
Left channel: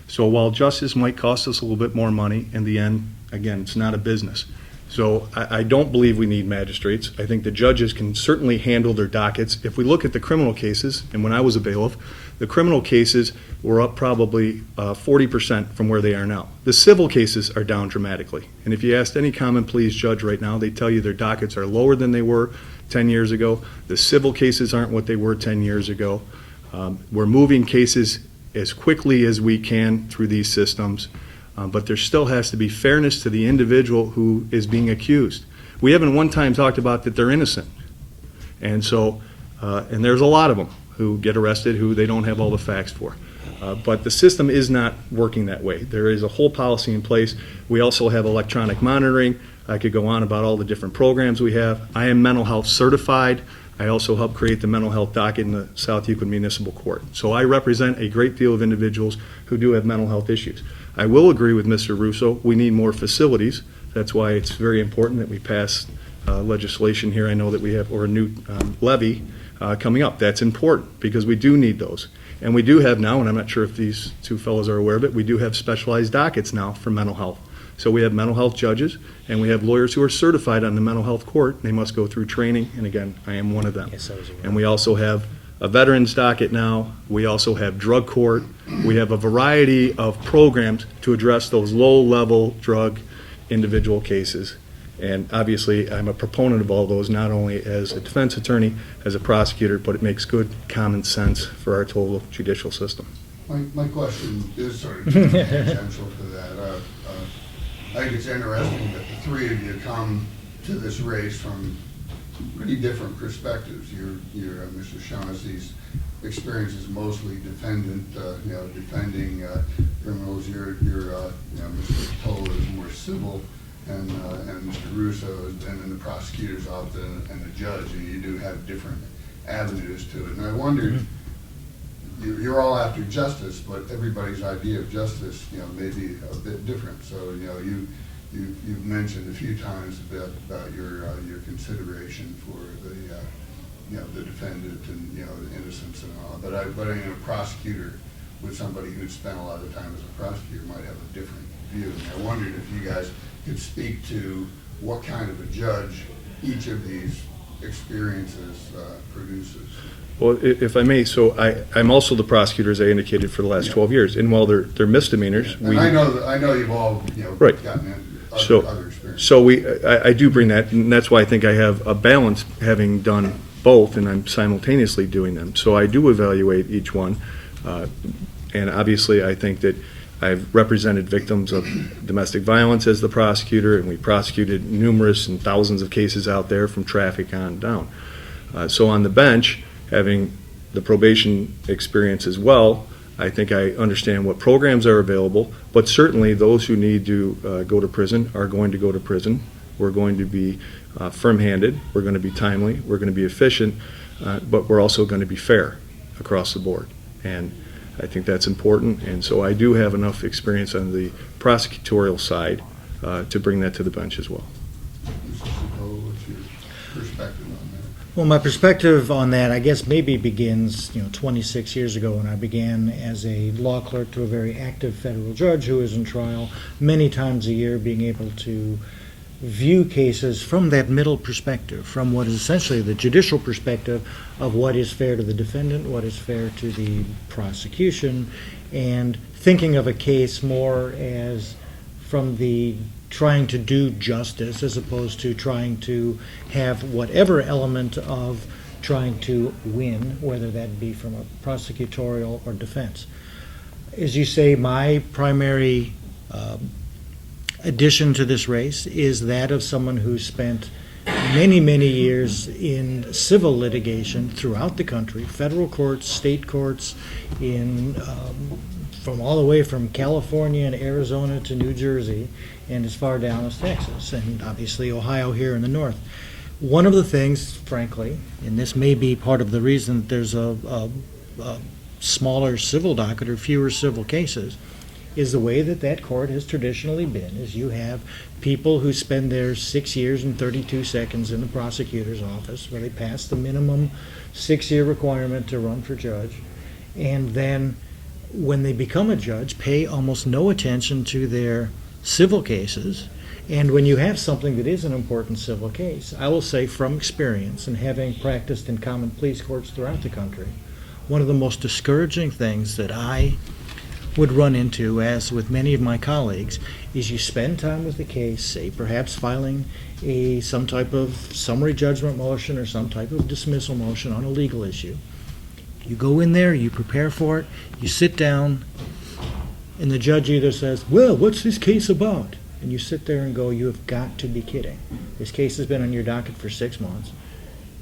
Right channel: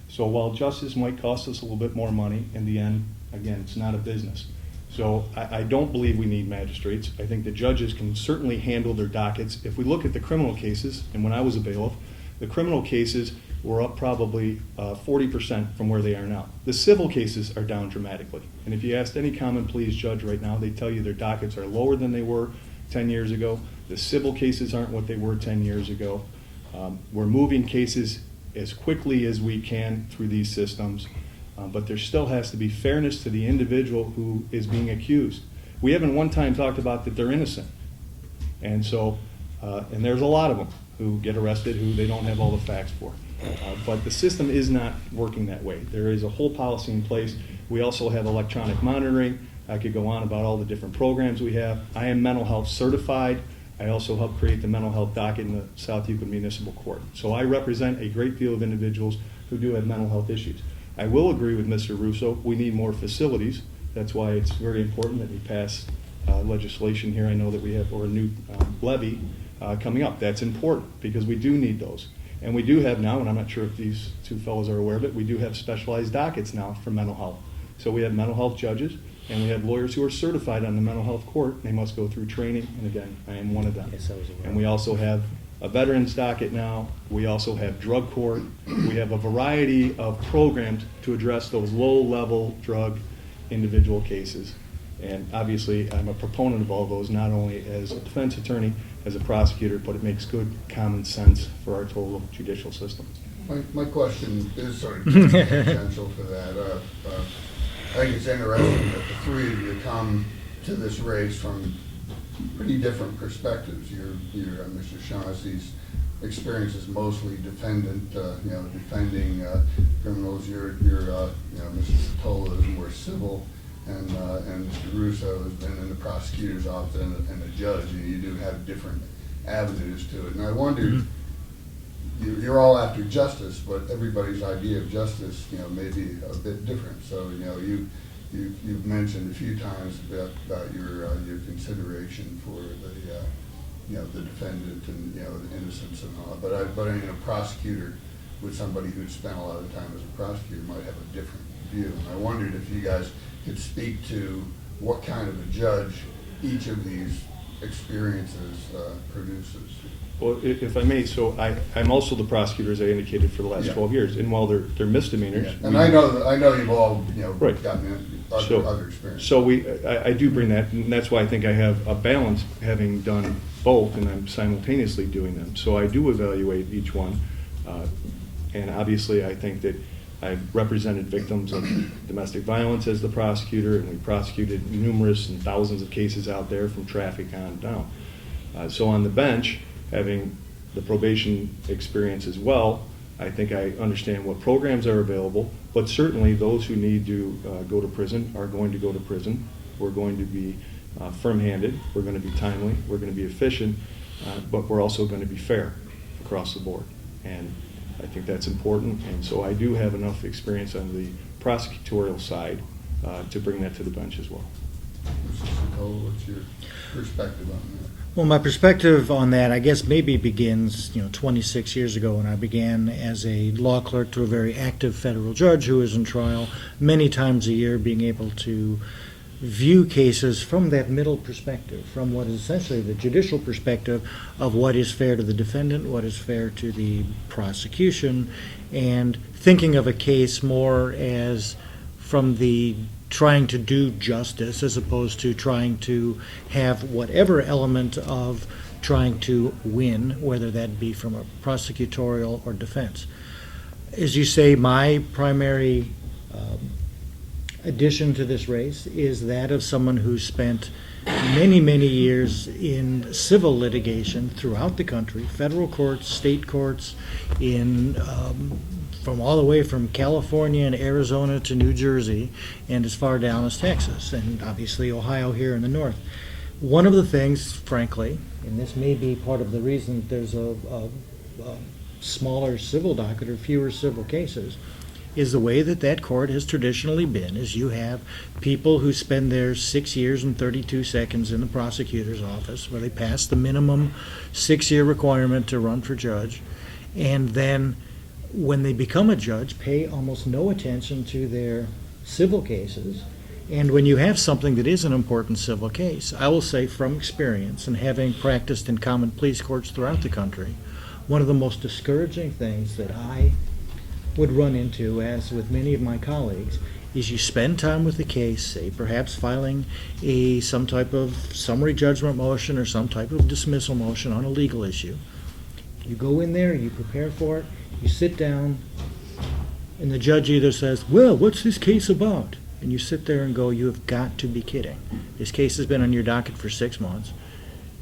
So while justice might cost us a little bit more money, in the end, again, it's not a business. So I don't believe we need magistrates. I think the judges can certainly handle their dockets. If we look at the criminal cases, and when I was a bailiff, the criminal cases were up probably 40% from where they are now. The civil cases are down dramatically. And if you asked any common pleas judge right now, they tell you their dockets are lower than they were 10 years ago. The civil cases aren't what they were 10 years ago. We're moving cases as quickly as we can through these systems, but there still has to be fairness to the individual who is being accused. We haven't one time talked about that they're innocent. And so, and there's a lot of them who get arrested who they don't have all the facts for. But the system is not working that way. There is a whole policy in place. We also have electronic monitoring. I could go on about all the different programs we have. I am mental health certified. I also help create the mental health docket in the South Euclid Municipal Court. So I represent a great deal of individuals who do have mental health issues. I will agree with Mr. Russo, we need more facilities. That's why it's very important that we pass legislation here. I know that we have, or a new levy coming up. That's important because we do need those. And we do have now, and I'm not sure if these two fellows are aware of it, we do have specialized dockets now for mental health. So we have mental health judges, and we have lawyers who are certified on the mental health court. They must go through training, and again, I am one of them. Yes, I was aware. And we also have a veterans docket now. We also have drug court. We have a variety of programs to address those low-level drug individual cases. And obviously, I'm a proponent of all those, not only as a defense attorney, as a prosecutor, but it makes good common sense for our total judicial system. My question is sort of tangential to that. I think it's interesting that the three of you come to this race from pretty different perspectives. Your Mr. Shaughnessy's experience is mostly defendant, defending criminals. Your Mr. Satola is more civil, and Mr. Russo has been in the prosecutor's office and a judge, and you do have different avenues to it. And I wondered, you're all after justice, but everybody's idea of justice, may be a bit different. So, you've mentioned a few times about your consideration for the defendant and the innocence and all. But a prosecutor, with somebody who's spent a lot of time as a prosecutor, might have a different view. And I wondered if you guys could speak to what kind of a judge each of these experiences produces. Well, if I may, so I'm also the prosecutor, as I indicated, for the last 12 years. And while they're misdemeanors, And I know you've all Right. gotten in So- other experiences. So I do bring that, and that's why I think I have a balance, having done both, and I'm simultaneously doing them. So I do evaluate each one, and obviously I think that I've represented victims of domestic violence as the prosecutor, and we prosecuted numerous and thousands of cases out there from traffic on down. So on the bench, having the probation experience as well, I think I understand what programs are available, but certainly those who need to go to prison are going to go to prison. We're going to be firm-handed, we're going to be timely, we're going to be efficient, but we're also going to be fair across the board. And I think that's important, and so I do have enough experience on the prosecutorial side to bring that to the bench as well. Mr. Satola, what's your perspective on that? Well, my perspective on that, I guess, maybe begins, 26 years ago when I began as a law clerk to a very active federal judge who was in trial many times a year, being able to view cases from that middle perspective, from what is essentially the judicial perspective of what is fair to the defendant, what is fair to the prosecution, and thinking of a case more as from the trying to do justice as opposed to trying to have whatever element of trying to win, whether that be from a prosecutorial or defense. As you say, my primary addition to this race is that of someone who spent many, many years in civil litigation throughout the country, federal courts, state courts, from all the way from California and Arizona to New Jersey, and as far down as Texas, and obviously Ohio here in the north. One of the things, frankly, and this may be part of the reason that there's a smaller civil docket or fewer civil cases, is the way that court has traditionally been, is you have people who spend their 6 years and 32 seconds in the prosecutor's office, where they pass the minimum 6-year requirement to run for judge, and then when they become a judge, pay almost no attention to their civil cases. And when you have something that is an important civil case, I will say from experience and having practiced in common pleas courts throughout the country, one of the most discouraging things that I would run into, as with many of my colleagues, is you spend time with the case, say perhaps filing some type of summary judgment motion or some type of dismissal motion on a legal issue. You go in there, you prepare for it, you sit down, and the judge either says, well, what's this case about? And you sit there and go, you have got to be kidding. This case has been on your docket for 6 months,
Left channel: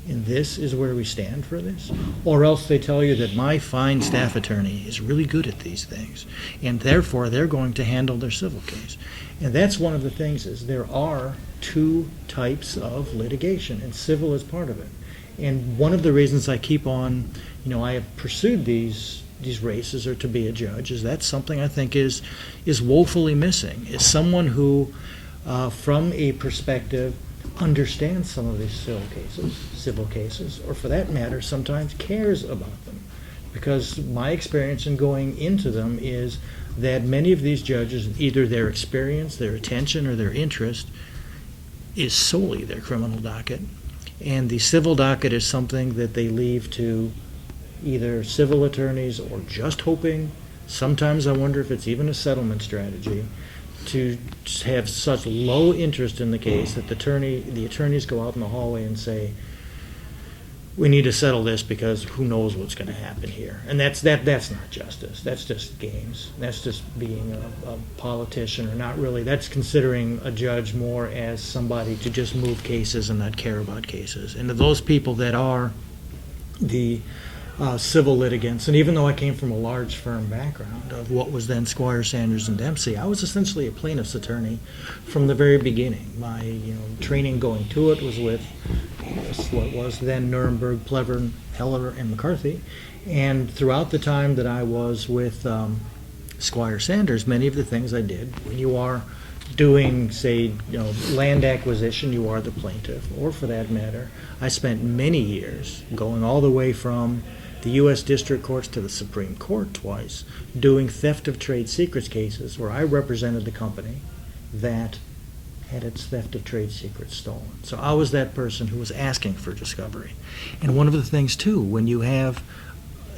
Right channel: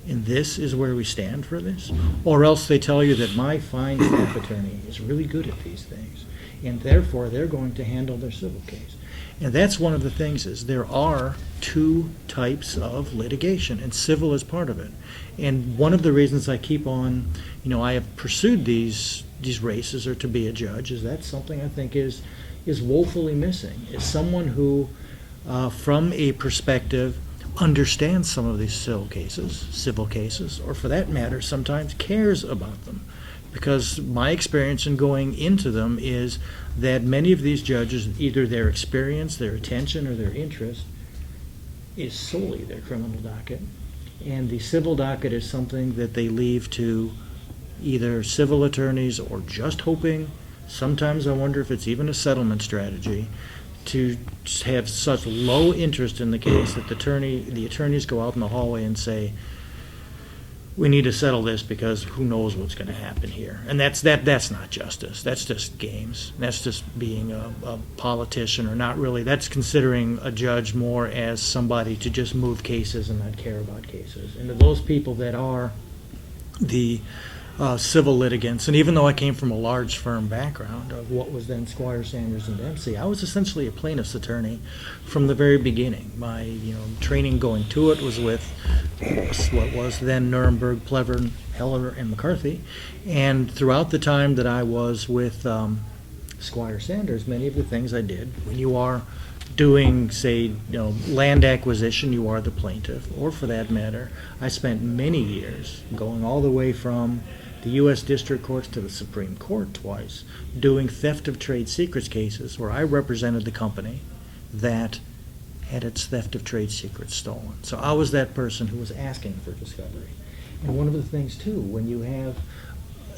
and this is where we stand for this? Or else they tell you that my fine staff attorney is really good at these things, and therefore they're going to handle their civil case. And that's one of the things, is there are 2 types of litigation, and civil is part of it. And one of the reasons I keep on, I have pursued these races, or to be a judge, is that's something I think is woefully missing, is someone who, from a perspective, understands some of these civil cases, or for that matter, sometimes cares about them. because my experience in going into them is that many of these judges, either their experience, their attention, or their interest is solely their criminal docket. And the civil docket is something that they leave to either civil attorneys or just hoping, sometimes I wonder if it's even a settlement strategy, to have such low interest in the case that the attorneys go out in the hallway and say, we need to settle this because who knows what's going to happen here. And that's not justice. That's just games. That's just being a politician, or not really. That's considering a judge more as somebody to just move cases and not care about cases. And to those people that are the civil litigants, and even though I came from a large firm background of what was then Squire, Sanders, and Dempsey, I was essentially a plaintiff's attorney from the very beginning. My training going to it was with what was then Nuremberg, Plevern, Heller, and McCarthy. And throughout the time that I was with Squire Sanders, many of the things I did, when you are doing, say, land acquisition, you are the plaintiff, or for that matter, I spent many years going all the way from the U.S. District Courts to the Supreme Court twice, doing theft of trade secrets cases where I represented the company that had its theft of trade secrets stolen. So I was that person who was asking for discovery. And one of the things, too, when you have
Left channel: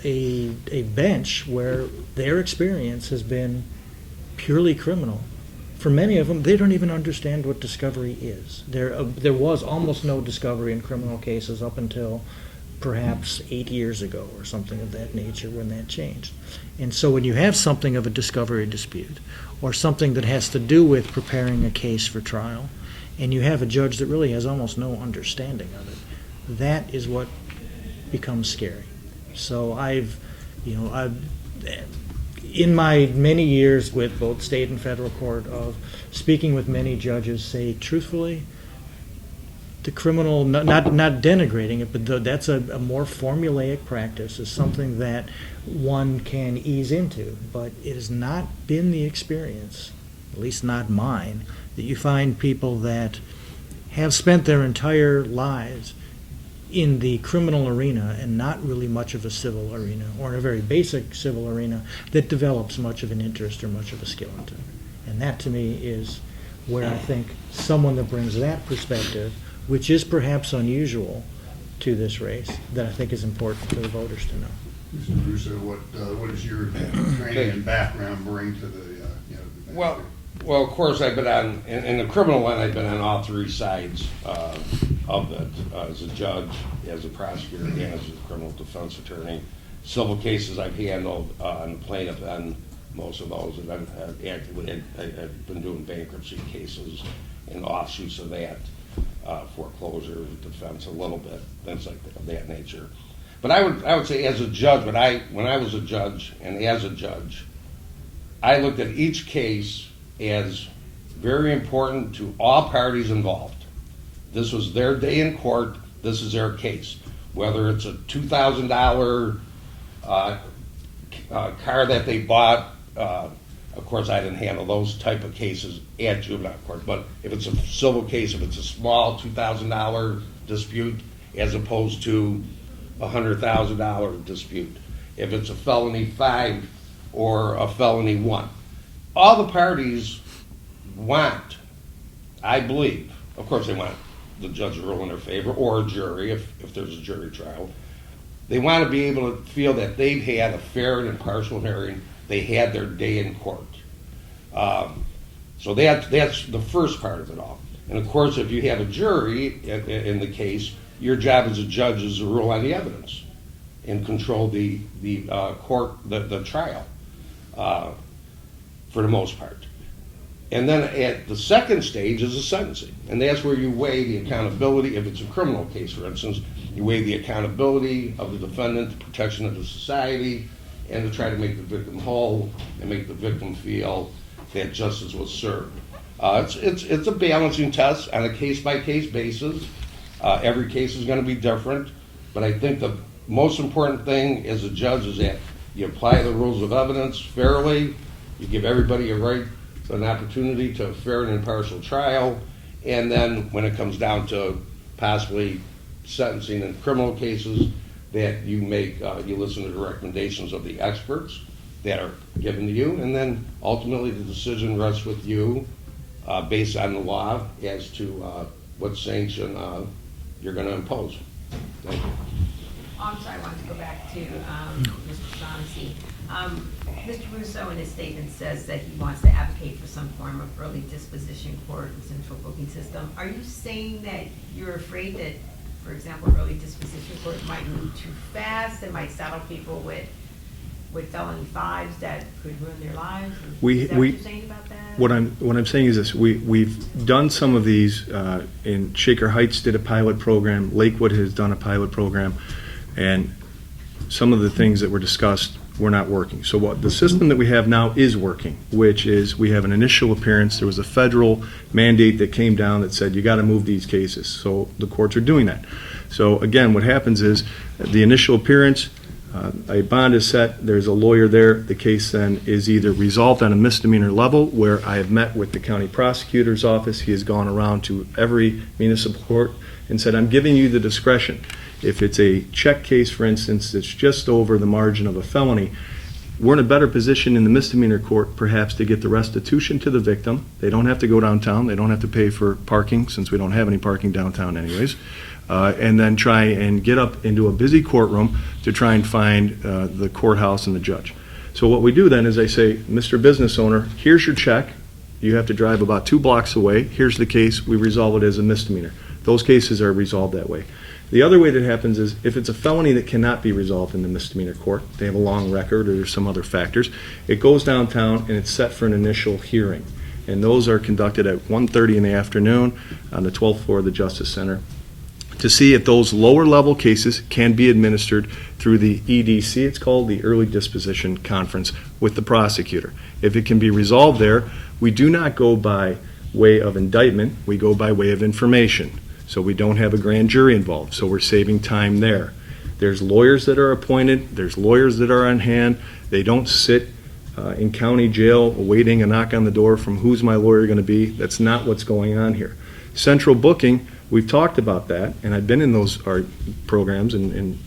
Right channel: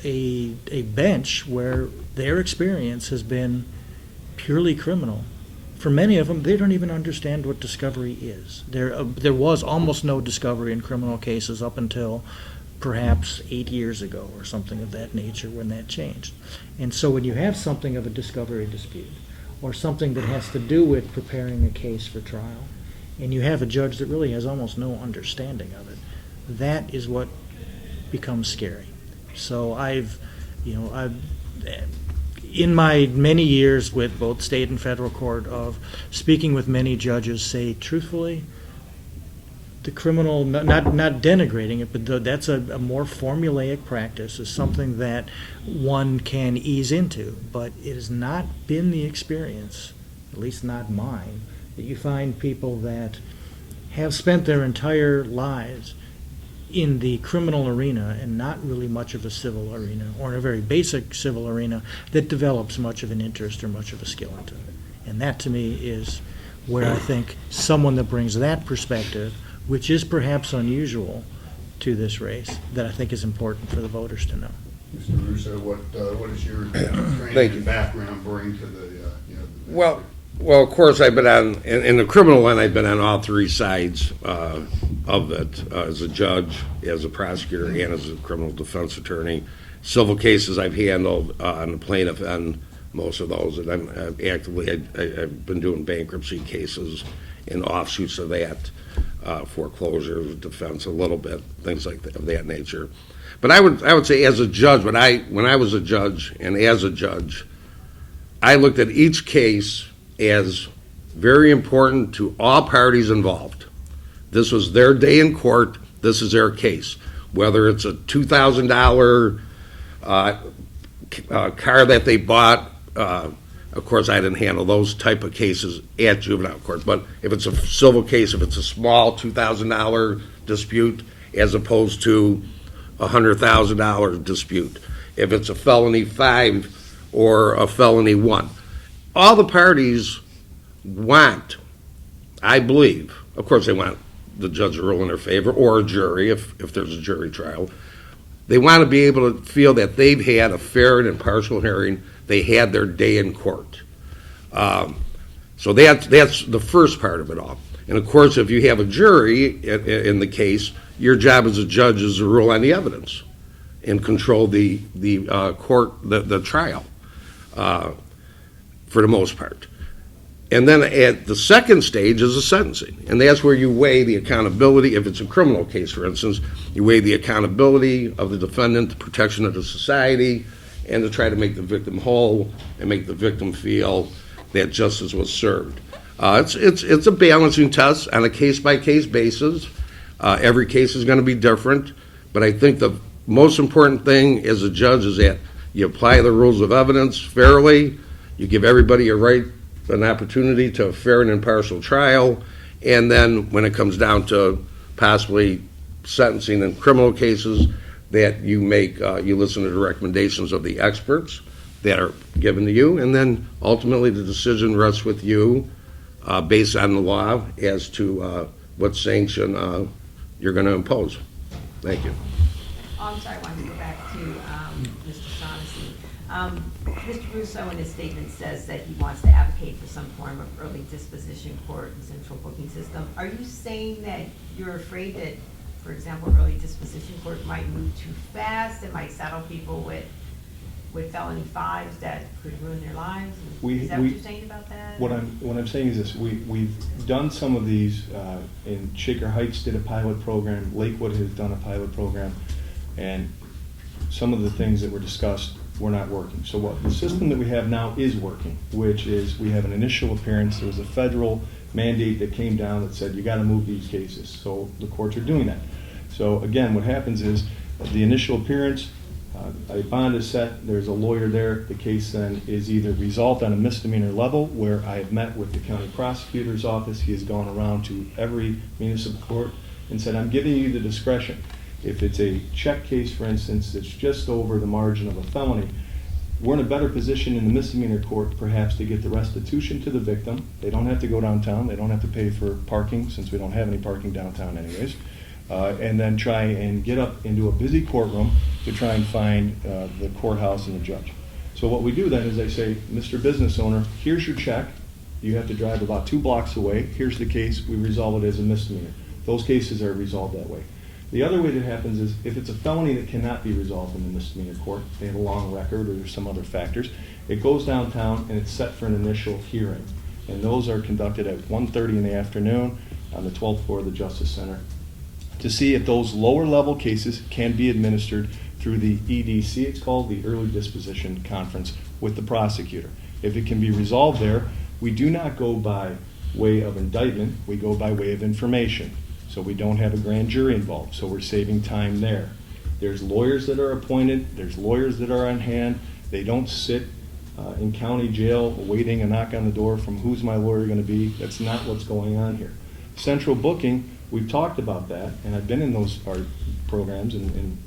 a bench where their experience has been purely criminal, for many of them, they don't even understand what discovery is. There was almost no discovery in criminal cases up until perhaps 8 years ago or something of that nature when that changed. And so when you have something of a discovery dispute or something that has to do with preparing a case for trial, and you have a judge that really has almost no understanding of it, that is what becomes scary. So I've in my many years with both state and federal court of speaking with many judges, say truthfully, the criminal, not denigrating it, but that's a more formulaic practice, is something that one can ease into. But it has not been the experience, at least not mine, that you find people that have spent their entire lives in the criminal arena and not really much of a civil arena, or in a very basic civil arena, that develops much of an interest or much of a skill into. And that to me is where I think someone that brings that perspective, which is perhaps unusual to this race, that I think is important for the voters to know. Mr. Russo, what does your training and background bring to the, Well, of course, I've been on, in the criminal one, I've been on all three sides of it, as a judge, as a prosecutor, and as a criminal defense attorney. Civil cases I've handled on the plaintiff end, most of those, and I've been doing bankruptcy cases and offshoots of that, foreclosure, defense a little bit, things like that, of that nature. But I would say as a judge, when I was a judge, and as a judge, I looked at each case as very important to all parties involved. This was their day in court. This is their case. Whether it's a $2,000 car that they bought, of course, I didn't handle those type of cases at juvenile court. But if it's a civil case, if it's a small $2,000 dispute, as opposed to a $100,000 dispute, if it's a felony 5 or a felony 1. All the parties want, I believe, of course they want the judge to rule in their favor, or a jury if there's a jury trial. They want to be able to feel that they've had a fair and impartial hearing, they had their day in court. So that's the first part of it all. And of course, if you have a jury in the case, your job as a judge is to rule on the evidence and control the court, the trial. For the most part. And then at the second stage is the sentencing. And that's where you weigh the accountability. If it's a criminal case, for instance, you weigh the accountability of the defendant, the protection of the society, and to try to make the victim whole and make the victim feel that justice was served. It's a balancing test on a case-by-case basis. Every case is going to be different. But I think the most important thing as a judge is that you apply the rules of evidence fairly. You give everybody an opportunity to a fair and impartial trial, and then when it comes down to possibly sentencing in criminal cases, that you make, you listen to the recommendations of the experts that are given to you, and then ultimately the decision rests with you based on the law as to what sanction you're going to impose. Thank you. Oh, I'm sorry, I wanted to go back to Mr. Shaughnessy. Mr. Russo in his statement says that he wants to advocate for some form of early disposition court and central booking system. Are you saying that you're afraid that, for example, early disposition court might move too fast and might saddle people with felony fives that could ruin their lives? Is that what you're saying about that? What I'm saying is this: we've done some of these. In Shaker Heights did a pilot program. Lakewood has done a pilot program, and some of the things that were discussed were not working. So what the system that we have now is working, which is we have an initial appearance. There was a federal mandate that came down that said you got to move these cases. So the courts are doing that. So again, what happens is the initial appearance. A bond is set, there's a lawyer there, the case then is either resolved on a misdemeanor level, where I have met with the county prosecutor's office, he has gone around to every municipal court and said, I'm giving you the discretion. If it's a check case, for instance, that's just over the margin of a felony, we're in a better position in the misdemeanor court perhaps to get the restitution to the victim. They don't have to go downtown, they don't have to pay for parking, since we don't have any parking downtown anyways. And then try and get up into a busy courtroom to try and find the courthouse and the judge. So what we do then is I say, Mr. Business Owner, here's your check. You have to drive about 2 blocks away. Here's the case. We resolve it as a misdemeanor. Those cases are resolved that way. The other way that happens is if it's a felony that cannot be resolved in the misdemeanor court, they have a long record or there's some other factors, it goes downtown and it's set for an initial hearing. And those are conducted at 1:30 in the afternoon on the 12th floor of the Justice Center, to see if those lower level cases can be administered through the EDC, it's called the Early Disposition Conference, with the prosecutor. If it can be resolved there, we do not go by way of indictment, we go by way of information. So we don't have a grand jury involved, so we're saving time there. There's lawyers that are appointed, there's lawyers that are on hand, they don't sit in county jail awaiting a knock on the door from who's my lawyer going to be. That's not what's going on here. Central booking, we've talked about that, and I've been in those programs and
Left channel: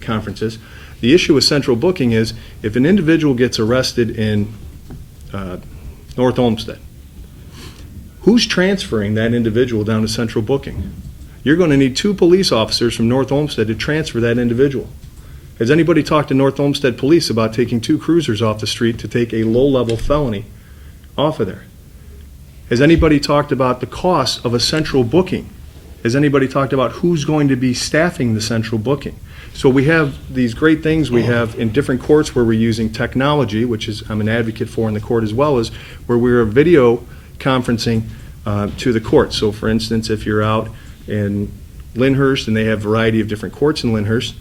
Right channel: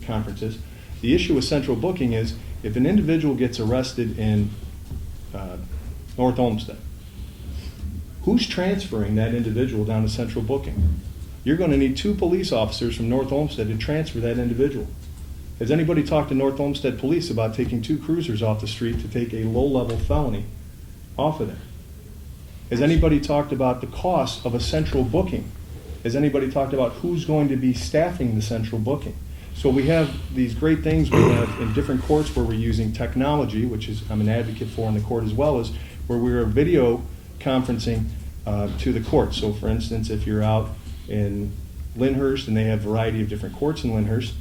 conferences. The issue with central booking is if an individual gets arrested in North Olmsted, who's transferring that individual down to central booking? You're going to need 2 police officers from North Olmsted to transfer that individual. Has anybody talked to North Olmsted Police about taking 2 cruisers off the street to take a low-level felony off of there? Has anybody talked about the cost of a central booking? Has anybody talked about who's going to be staffing the central booking? So we have these great things we have in different courts where we're using technology, which is I'm an advocate for in the court, as well as where we're video conferencing to the court. So for instance, if you're out in Lyndhurst and they have a variety of different courts in Lyndhurst,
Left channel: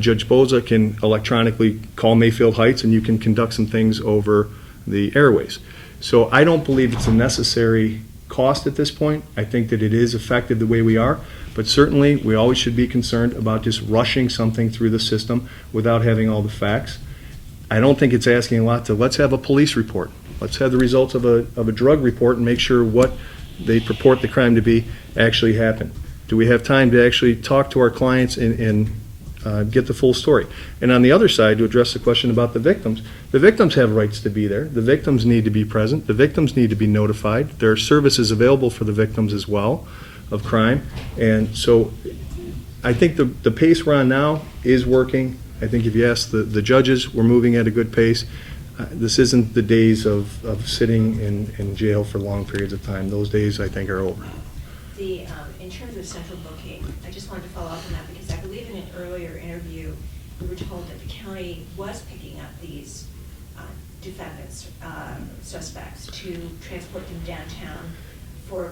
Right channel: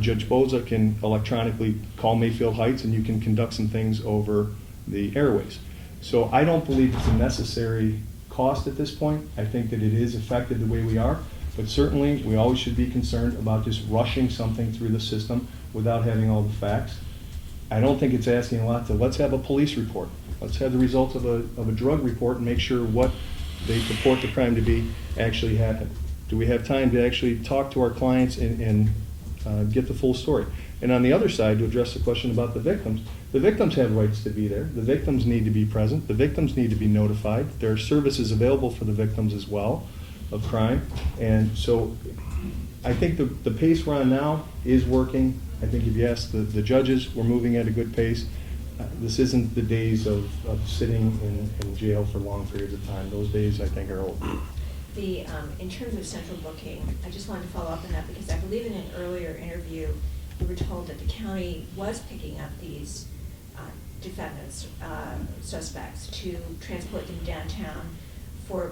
Judge Boza can electronically call Mayfield Heights and you can conduct some things over the airways. So I don't believe it's a necessary cost at this point. I think that it is effective the way we are, but certainly we always should be concerned about just rushing something through the system without having all the facts. I don't think it's asking a lot to let's have a police report. Let's have the results of a drug report and make sure what they purport the crime to be actually happened. Do we have time to actually talk to our clients and get the full story? And on the other side, to address the question about the victims have rights to be there. The victims need to be present. The victims need to be notified. There are services available for the victims as well of crime. And so I think the pace we're on now is working. I think if you ask the judges, we're moving at a good pace. This isn't the days of sitting in jail for long periods of time. Those days, I think, are over. In terms of central booking, I just wanted to follow up on that because I believe in an earlier interview, we were told that the county was picking up these defendants, suspects, to transport them downtown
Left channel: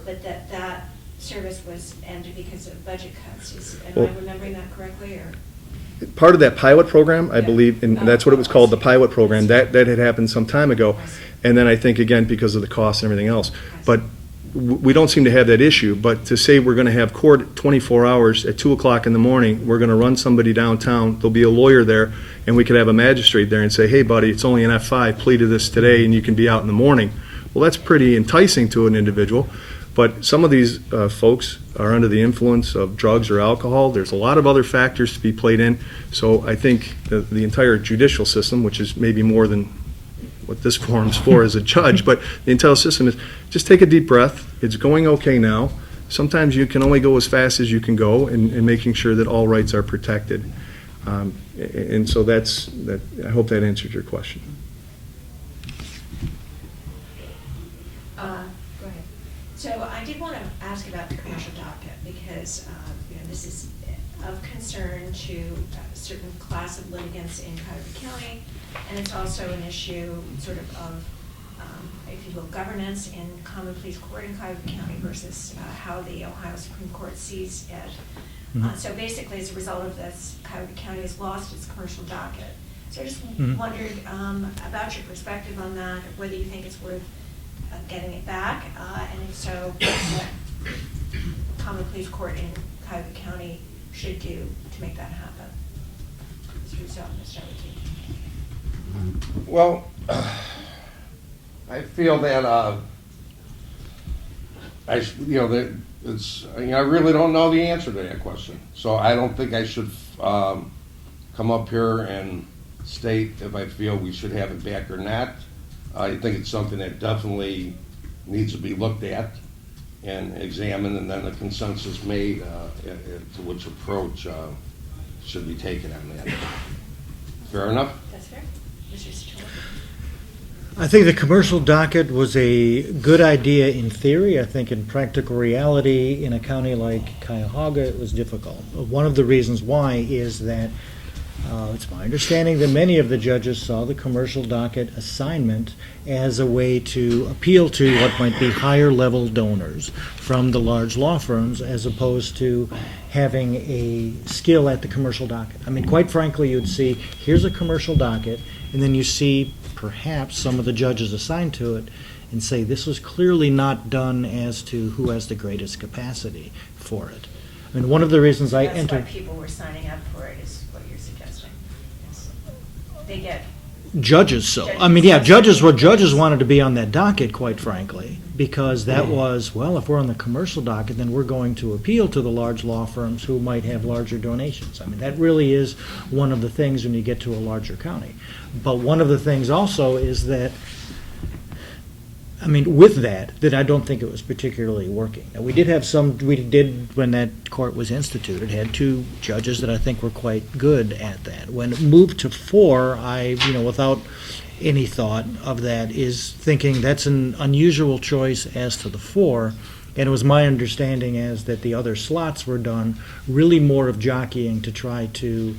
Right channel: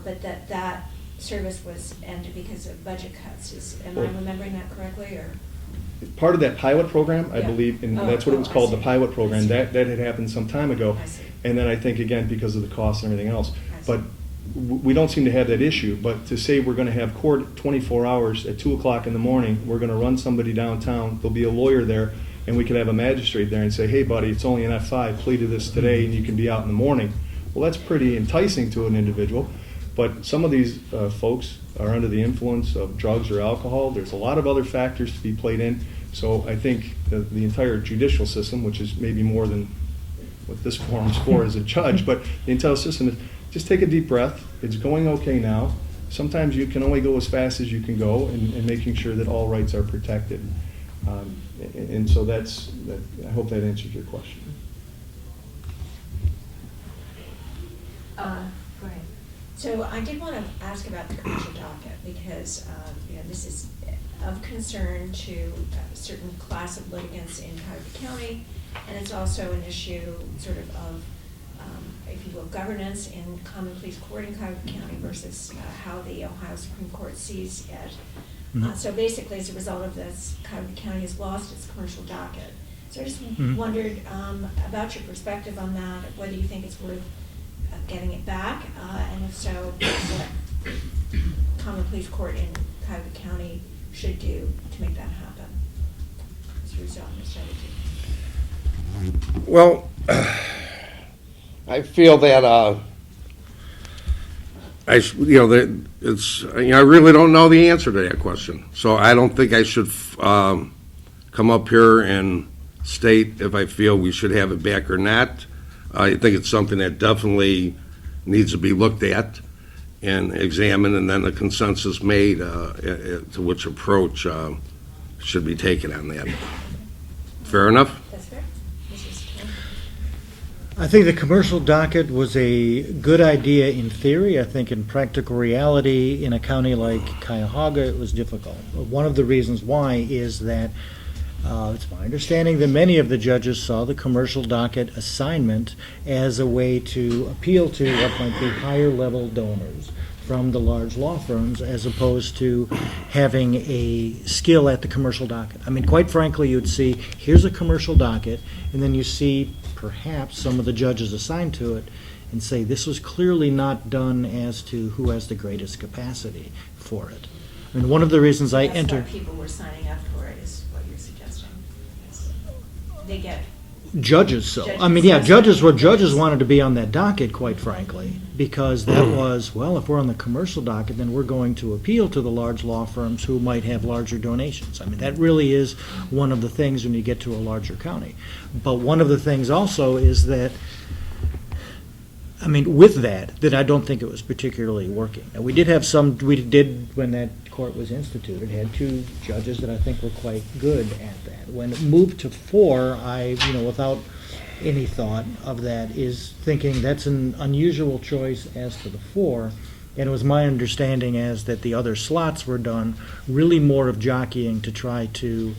but that service was ended because of budget cuts. Am I remembering that correctly, or? Part of that pilot program, I believe, and that's what it was called, the pilot program, I see. that had happened some time ago. And then I think, again, because of the cost and everything else. But we don't seem to have that issue. But to say we're going to have court 24 hours at 2 o'clock in the morning, we're going to run somebody downtown, there'll be a lawyer there, and we could have a magistrate there and say, hey, buddy, it's only an F5, plea to this today, and you can be out in the morning. Well, that's pretty enticing to an individual. But some of these folks are under the influence of drugs or alcohol. There's a lot of other factors to be played in. So I think the entire judicial system, which is maybe more than what this forum's for as a judge, but the entire system is just take a deep breath. It's going okay now. Sometimes you can only go as fast as you can go, and making sure that all rights are protected. And so that's that. I hope that answered your question. Go ahead. So I did want to ask about the commercial docket because, this is of concern to a certain class of litigants in Cuyahoga County, and it's also an issue sort of if you will, governance in common pleas court in Cuyahoga County versus how the Ohio Supreme Court sees it. Mhm. So basically, as a result of this, Cuyahoga County has lost its commercial docket. So I just wondered about your perspective on that, whether you think it's worth getting it back, and so what common pleas court in Cuyahoga County should do to make that happen. Mr. Russo, Mr. Kennedy. Well, I feel that that it's I really don't know the answer to that question. So I don't think I should come up here and state if I feel we should have it back or not. I think it's something that definitely needs to be looked at and examined, and then a consensus made to which approach should be taken on that. Fair enough? That's fair. Mrs. Satola. I think the commercial docket was a good idea in theory. I think in practical reality, in a county like Cuyahoga, it was difficult. One of the reasons why is that it's my understanding that many of the judges saw the commercial docket assignment as a way to appeal to what might be higher level donors from the large law firms, as opposed to having a skill at the commercial docket. I mean, quite frankly, you'd see, here's a commercial docket, and then you see perhaps some of the judges assigned to it and say, this was clearly not done as to who has the greatest capacity for it. I mean, one of the reasons I entered... That's why people were signing up for it, is what you're suggesting. Yes. They get... Judges, so. I mean, yeah, judges wanted to be on that docket, quite frankly, because that was, well, if we're on the commercial docket, then we're going to appeal to the large law firms who might have larger donations. I mean, that really is one of the things when you get to a larger county. But one of the things also is that, I mean, with that I don't think it was particularly working. Now, we did, when that court was instituted, had two judges that I think were quite good at that. When it moved to 4, I, without any thought of that, is thinking that's an unusual choice as to the 4. And it was my understanding as that the other slots were done really more of jockeying to try to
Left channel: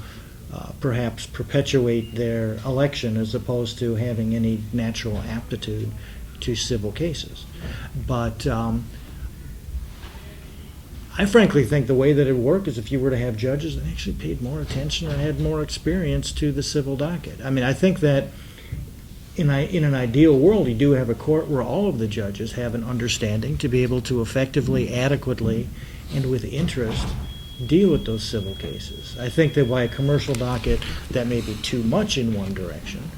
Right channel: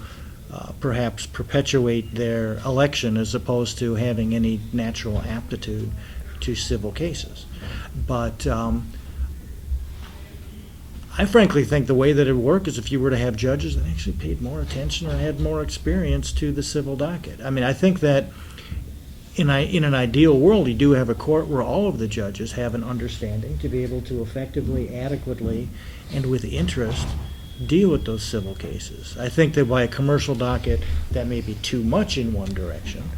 perhaps perpetuate their election as opposed to having any natural aptitude to civil cases. But I frankly think the way that it would work is if you were to have judges that actually paid more attention or had more experience to the civil docket. I mean, I think that in an ideal world, you do have a court where all of the judges have an understanding to be able to effectively, adequately, and with interest deal with those civil cases. I think that by a commercial docket, that may be too much in one direction.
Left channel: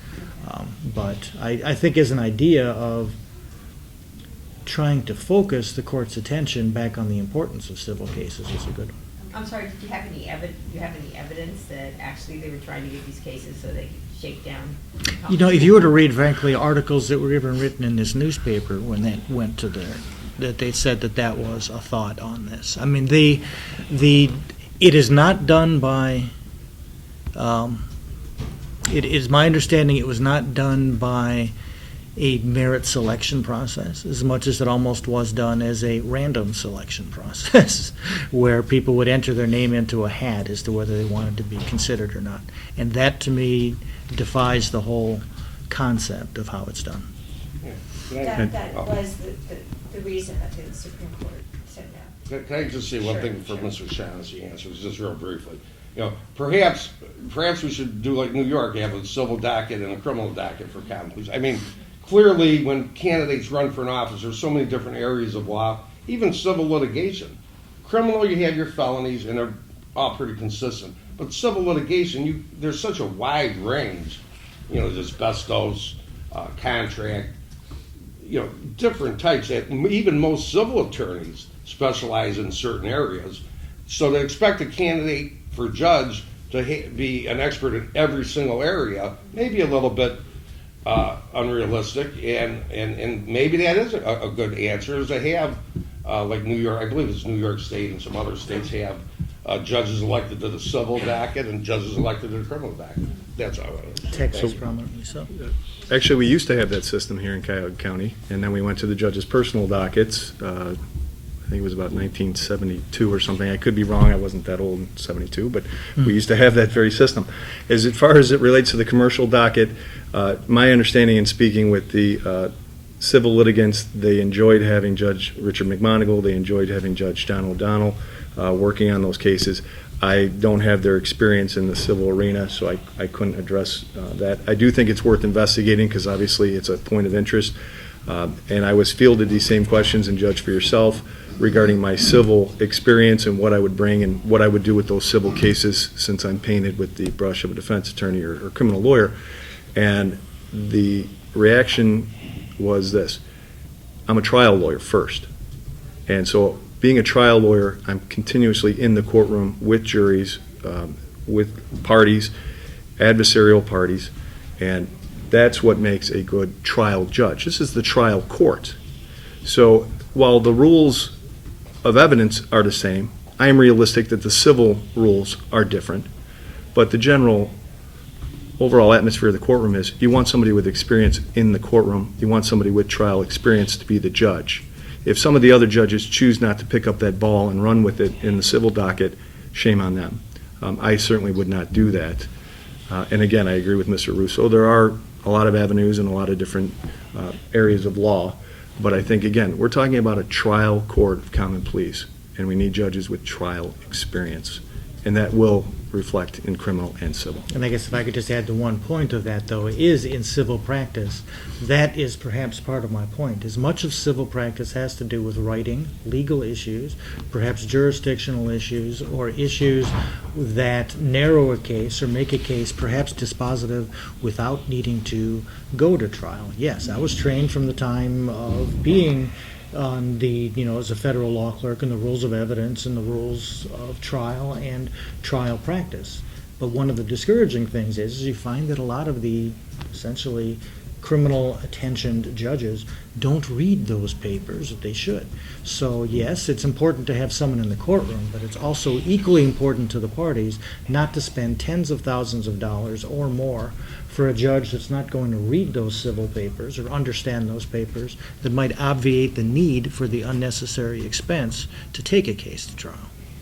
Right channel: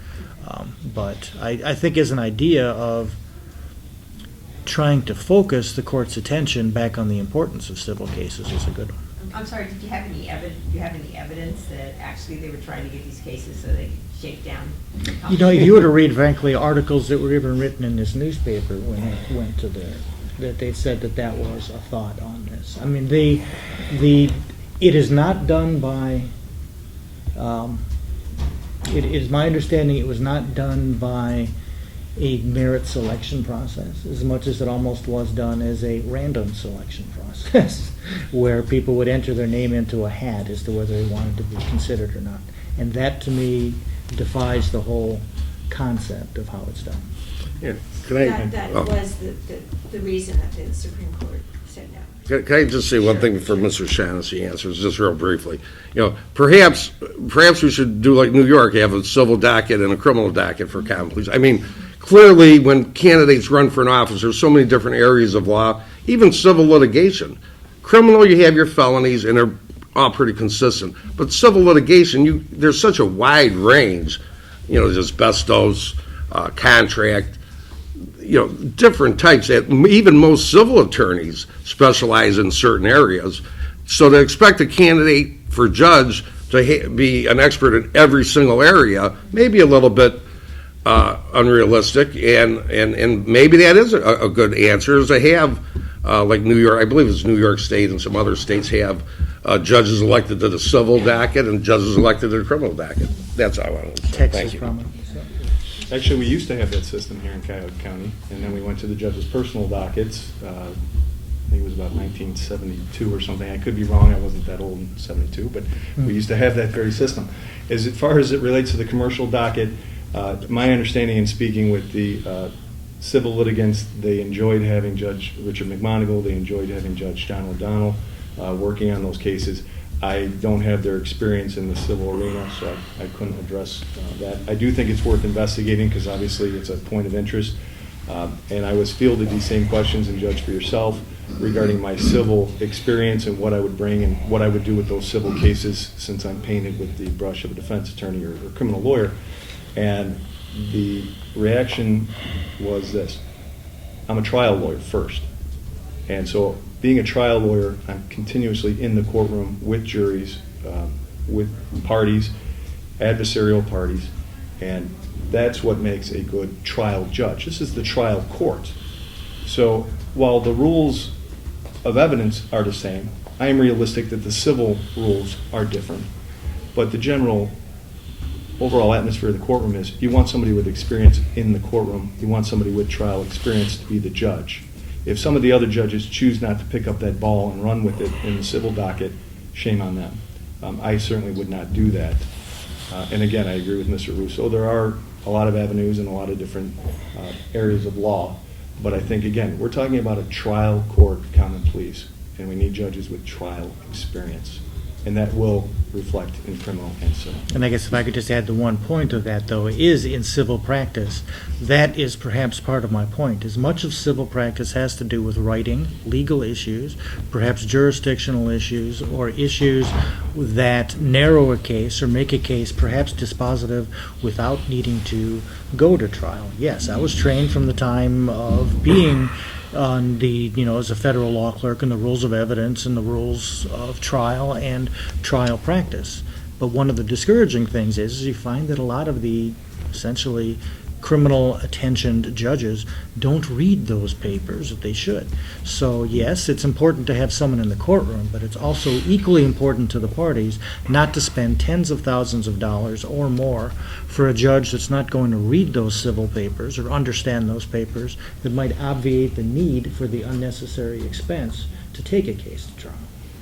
But I think as an idea of trying to focus the court's attention back on the importance of civil cases is a good one. I'm sorry, did you have any evidence that actually they were trying to get these cases so they could shake down? If you were to read, frankly, articles that were even written in this newspaper when they went to that they said that was a thought on this. I mean, it is not done by... It is my understanding it was not done by a merit selection process as much as it almost was done as a random selection process where people would enter their name into a hat as to whether they wanted to be considered or not. And that, to me, defies the whole concept of how it's done. Yeah. That was the reason that the Supreme Court said no. Can I just say one thing before Mr. Shaughnessy answers, just real briefly? Perhaps we should do like New York, have a civil docket and a criminal docket for common pleas. I mean, clearly when candidates run for an office, there's so many different areas of law, even civil litigation. Criminal, you have your felonies, and they're all pretty consistent. But civil litigation, there's such a wide range. There's asbestos, contract. different types. Even most civil attorneys specialize in certain areas. So to expect a candidate for judge to be an expert in every single area may be a little bit unrealistic, and maybe that is a good answer, is they have, like New York, I believe it's New York State and some other states have judges elected to the civil docket and judges elected to the criminal docket. That's all I wanted to say. Texas Thank you. prominently so. Actually, we used to have that system here in Cuyahoga County, and then we went to the judge's personal dockets. I think it was about 1972 or something. I could be wrong. I wasn't that old in 72, but we used to have that very system. As far as it relates to the commercial docket, my understanding in speaking with the civil litigants, they enjoyed having Judge Richard McMonigal. They enjoyed having Judge John O'Donnell working on those cases. I don't have their experience in the civil arena, so I couldn't address that. I do think it's worth investigating because obviously it's a point of interest. And I was fielded these same questions, and judge for yourself, regarding my civil experience and what I would bring and what I would do with those civil cases since I'm painted with the brush of a defense attorney or criminal lawyer. And the reaction was this: I'm a trial lawyer first. And so being a trial lawyer, I'm continuously in the courtroom with juries, with parties, adversarial parties, and that's what makes a good trial judge. This is the trial court. So while the rules of evidence are the same, I am realistic that the civil rules are different. But the general overall atmosphere of the courtroom is you want somebody with experience in the courtroom, you want somebody with trial experience to be the judge. If some of the other judges choose not to pick up that ball and run with it in the civil docket, shame on them. I certainly would not do that. And again, I agree with Mr. Russo. There are a lot of avenues and a lot of different areas of law. But I think, again, we're talking about a trial court of common pleas, and we need judges with trial experience. And that will reflect in criminal and civil. And I guess if I could just add the one point of that, though, is in civil practice, that is perhaps part of my point. As much of civil practice has to do with writing, legal issues, perhaps jurisdictional issues, or issues that narrow a case or make a case perhaps dispositive without needing to go to trial. Yes, I was trained from the time of being on the, as a federal law clerk, and the rules of evidence and the rules of trial and trial practice. But one of the discouraging things is you find that a lot of the essentially criminal attentioned judges don't read those papers that they should. So yes, it's important to have someone in the courtroom, but it's also equally important to the parties not to spend tens of thousands of dollars or more for a judge that's not going to read those civil papers or understand those papers, that might obviate the need for the unnecessary expense to take a case to trial.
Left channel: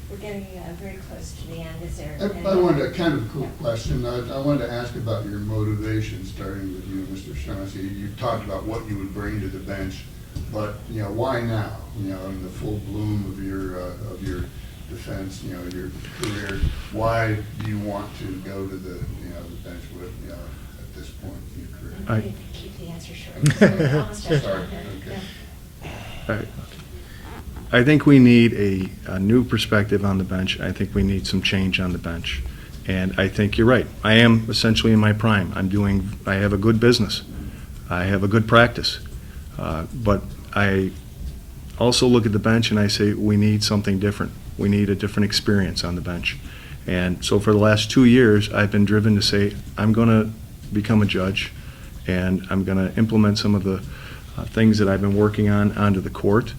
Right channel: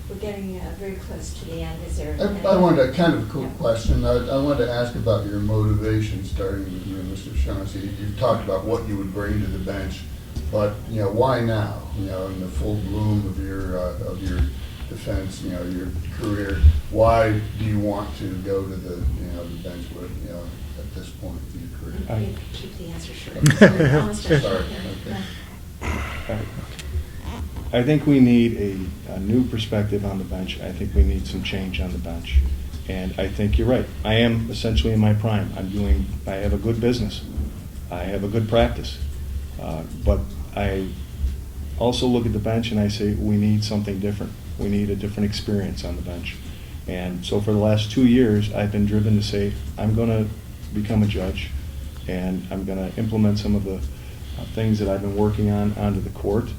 We're getting very close to the end. Is there? I wanted a kind of a cool question. I wanted to ask about your motivation, starting with you, Mr. Shaughnessy. You talked about what you would bring to the bench, but why now? In the full bloom of your defense, your career, why do you want to go to the the bench with at this point in your career? You keep the answer short. Almost done. Sorry. Okay. I think we need a new perspective on the bench. I think we need some change on the bench. And I think you're right. I am essentially in my prime. I have a good business. I have a good practice. But I also look at the bench and I say, we need something different. We need a different experience on the bench. And so for the last 2 years, I've been driven to say, I'm going to become a judge, and I'm going to implement some of the things that I've been working on onto the court.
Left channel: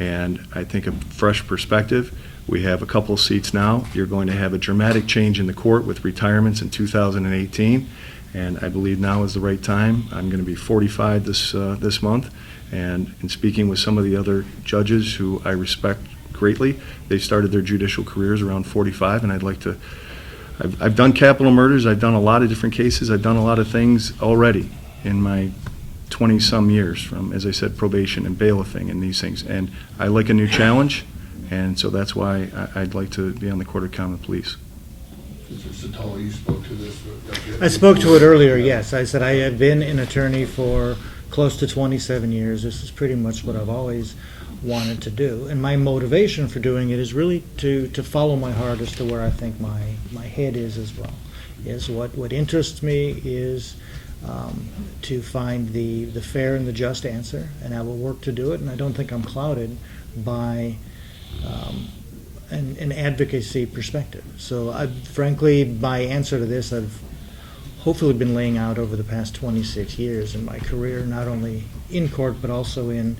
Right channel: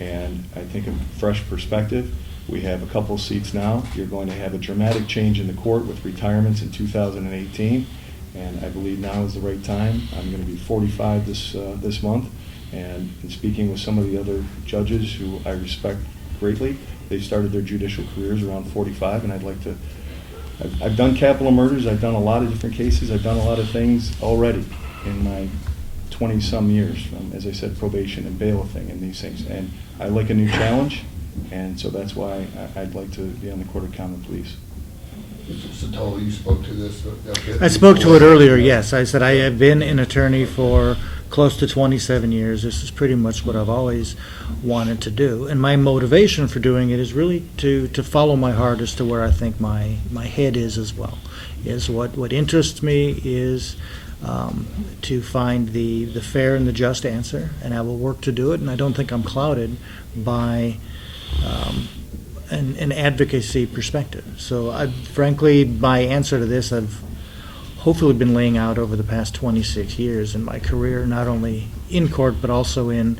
And I think a fresh perspective. We have a couple of seats now. You're going to have a dramatic change in the court with retirements in 2018, and I believe now is the right time. I'm going to be 45 this month, and in speaking with some of the other judges who I respect greatly, they started their judicial careers around 45, and I'd like to. I've done capital murders. I've done a lot of different cases. I've done a lot of things already in my 20-some years, from, as I said, probation and bailiffing and these things. And I like a new challenge, and so that's why I'd like to be on the Court of Common Pleas. Mr. Satola, you spoke to this. I spoke to it earlier, yes. I said I have been an attorney for close to 27 years. This is pretty much what I've always wanted to do. And my motivation for doing it is really to follow my heart as to where I think my head is as well. Is what interests me is to find the fair and the just answer, and I will work to do it, and I don't think I'm clouded by an advocacy perspective. So frankly, my answer to this, I've hopefully been laying out over the past 26 years in my career, not only in court, but also in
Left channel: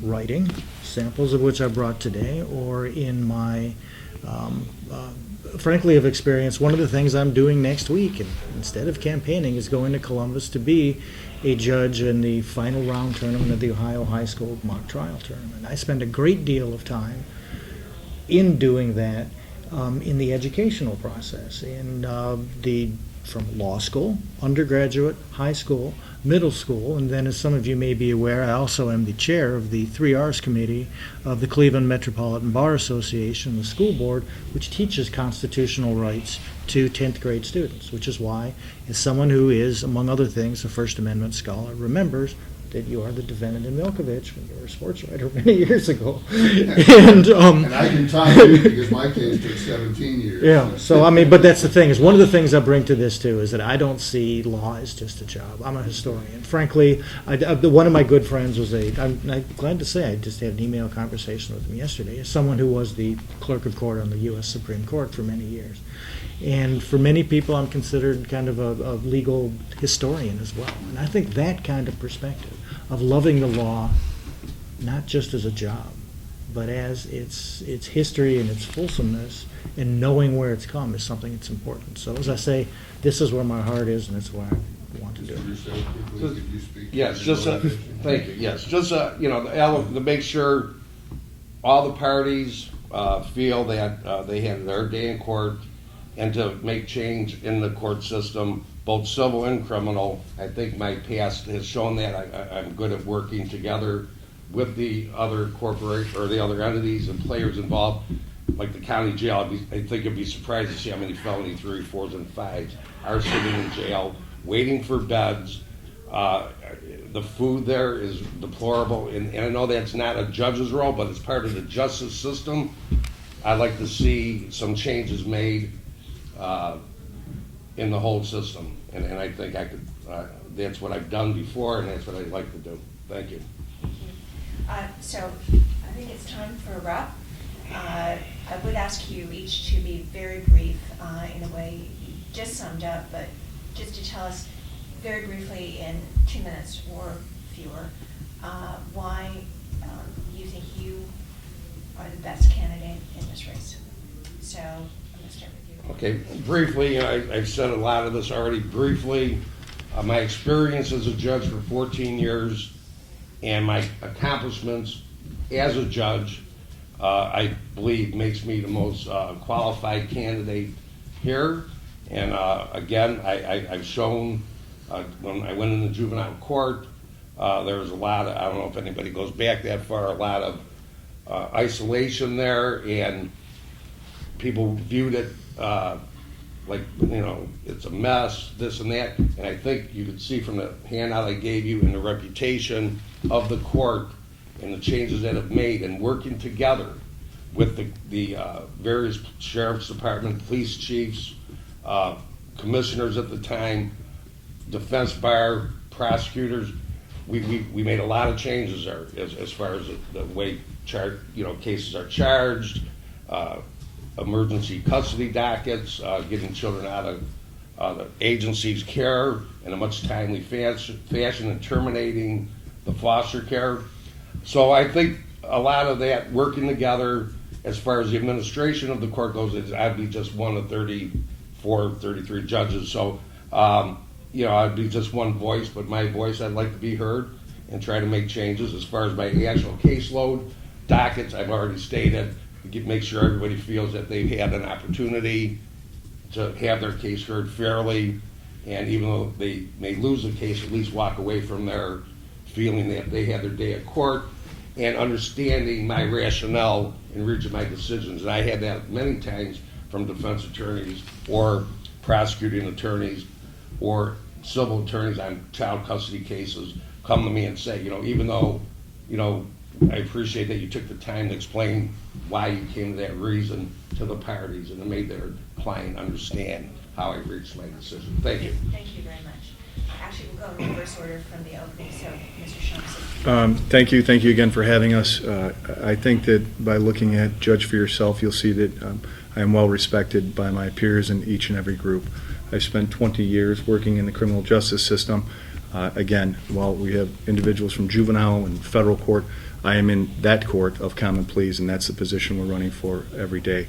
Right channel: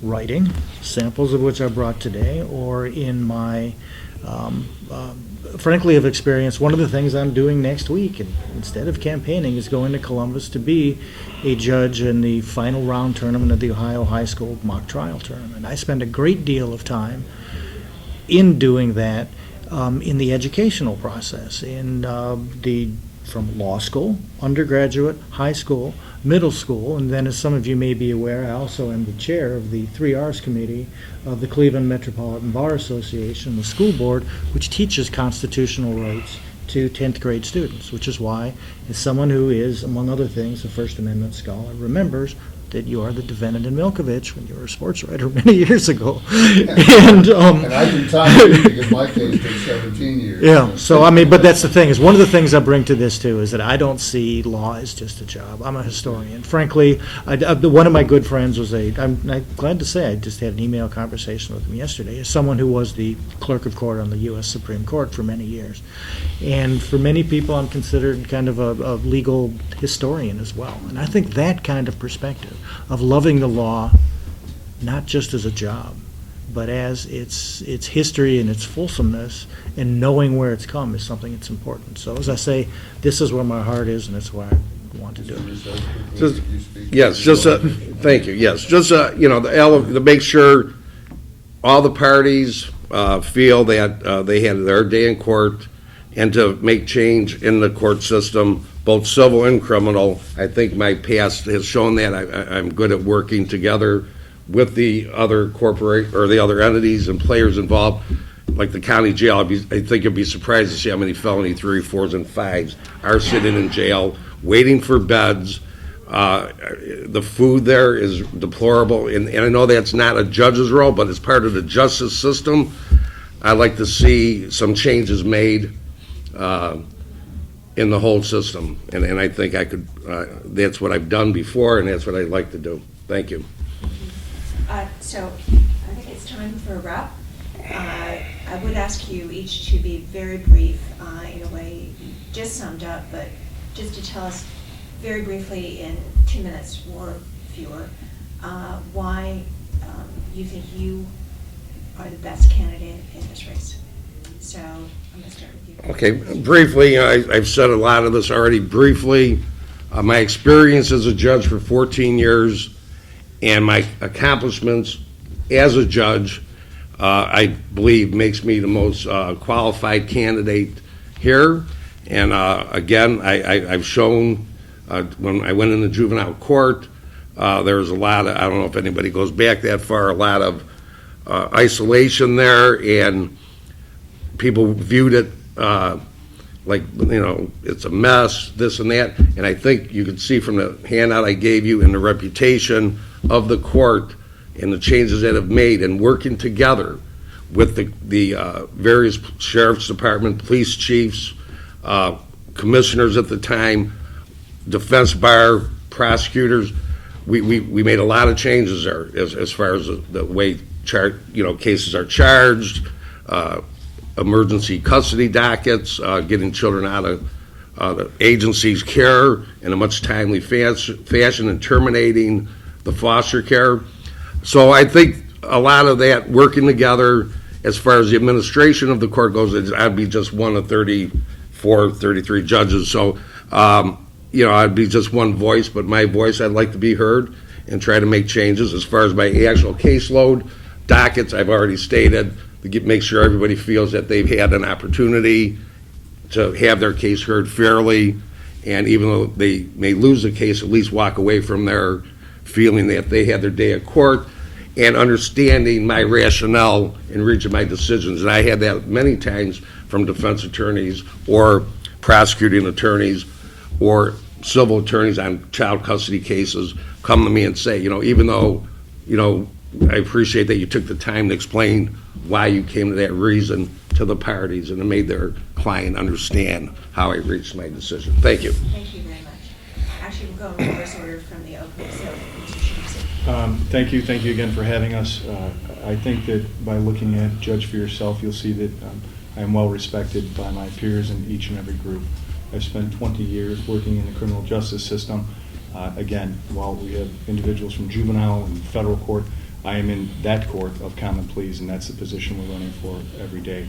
writing, samples of which I brought today, or in my, frankly, of experience. One of the things I'm doing next week, and instead of campaigning, is going to Columbus to be a judge in the final round tournament of the Ohio High School Mock Trial Tournament. I spend a great deal of time in doing that in the educational process, from law school, undergraduate, high school, middle school, and then, as some of you may be aware, I also am the chair of the 3Rs Committee of the Cleveland Metropolitan Bar Association, the school board, which teaches constitutional rights to 10th grade students, which is why, as someone who is, among other things, a First Amendment scholar, remembers that you are the defendant in Milkovich when you were a sports writer many years ago. And I can tell you, because my case took 17 years. Yeah, so I mean, but that's the thing, is one of the things I bring to this too is that I don't see law as just a job. I'm a historian. Frankly, one of my good friends was I'm glad to say I just had an email conversation with him yesterday, as someone who was the clerk of court on the U.S. Supreme Court for many years. And for many people, I'm considered kind of a legal historian as well. And I think that kind of perspective of loving the law, not just as a job, but as its history and its fulsomeness, and knowing where it's come, is something that's important. So as I say, this is where my heart is, and it's where I want to do it. Just, yes, just thank you. Yes, just to make sure all the parties feel that they had their day in court, and to make change in the court system, both civil and criminal. I think my past has shown that I'm good at working together with the other the other entities and players involved, like the county jail. I think you'd be surprised to see how many felony 3, 4s, and 5s are sitting in jail waiting for beds. The food there is deplorable, and I know that's not a judge's role, but it's part of the justice system. I'd like to see some changes made in the whole system, and I think I could. That's what I've done before, and that's what I'd like to do. Thank you. So I think it's time for a wrap. I would ask you each to be very brief in a way you just summed up, but just to tell us very briefly in 2 minutes or fewer why you think you are the best candidate in this race. So I'm going to start with you. Okay, briefly, I've said a lot of this already. Briefly, my experience as a judge for 14 years and my accomplishments as a judge, I believe, makes me the most qualified candidate here. And again, I've shown when I went into juvenile court, there was a lot of, I don't know if anybody goes back that far, a lot of isolation there, and people viewed it like, it's a mess, this and that. And I think you could see from the handout I gave you and the reputation of the court and the changes that have made, and working together with the various sheriff's department, police chiefs, commissioners at the time, defense bar, prosecutors. We made a lot of changes there as far as the way cases are charged, emergency custody dockets, getting children out of the agency's care in a much timely fashion, and terminating the foster care. So I think a lot of that working together, as far as the administration of the court goes, I'd be just one of 34, 33 judges. So, I'd be just one voice, but my voice, I'd like to be heard and try to make changes. As far as my actual caseload, dockets, I've already stated, to make sure everybody feels that they've had an opportunity to have their case heard fairly, and even though they may lose the case, at least walk away from there feeling that they had their day at court and understanding my rationale in reaching my decisions. And I had that many times from defense attorneys or prosecuting attorneys or civil attorneys on child custody cases come to me and say, even though, I appreciate that you took the time to explain why you came to that reason to the parties and it made their client understand how I reached my decision. Thank you. Thank you very much. Actually, we'll go in reverse order from the opening, so Mr. Shaughnessy. Thank you again for having us. I think that by looking at Judge for Yourself, you'll see that I am well respected by my peers in each and every group. I spent 20 years working in the criminal justice system. Again, while we have individuals from juvenile and federal court, I am in that court of common pleas, and that's the position we're running for every day.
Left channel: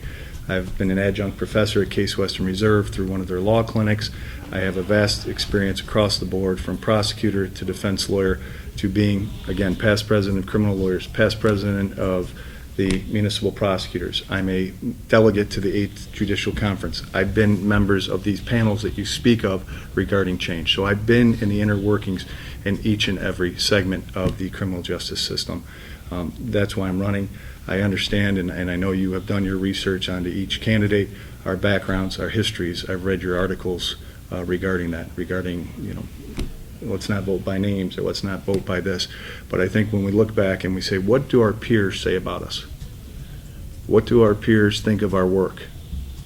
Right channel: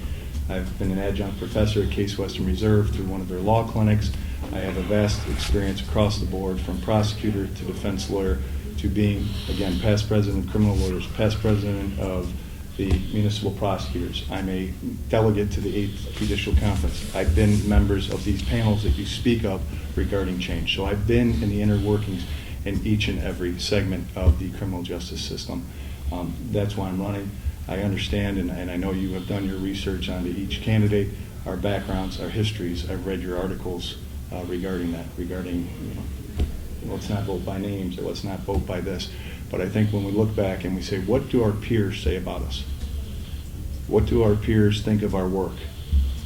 I've been an adjunct professor at Case Western Reserve through one of their law clinics. I have a vast experience across the board, from prosecutor to defense lawyer to being, again, past president of criminal lawyers, past president of the municipal prosecutors. I'm a delegate to the 8th Judicial Conference. I've been members of these panels that you speak of regarding change. So I've been in the inner workings in each and every segment of the criminal justice system. That's why I'm running. I understand, and I know you have done your research onto each candidate, our backgrounds, our histories. I've read your articles regarding that, regarding, let's not vote by names or let's not vote by this. But I think when we look back and we say, what do our peers say about us? What do our peers think of our work?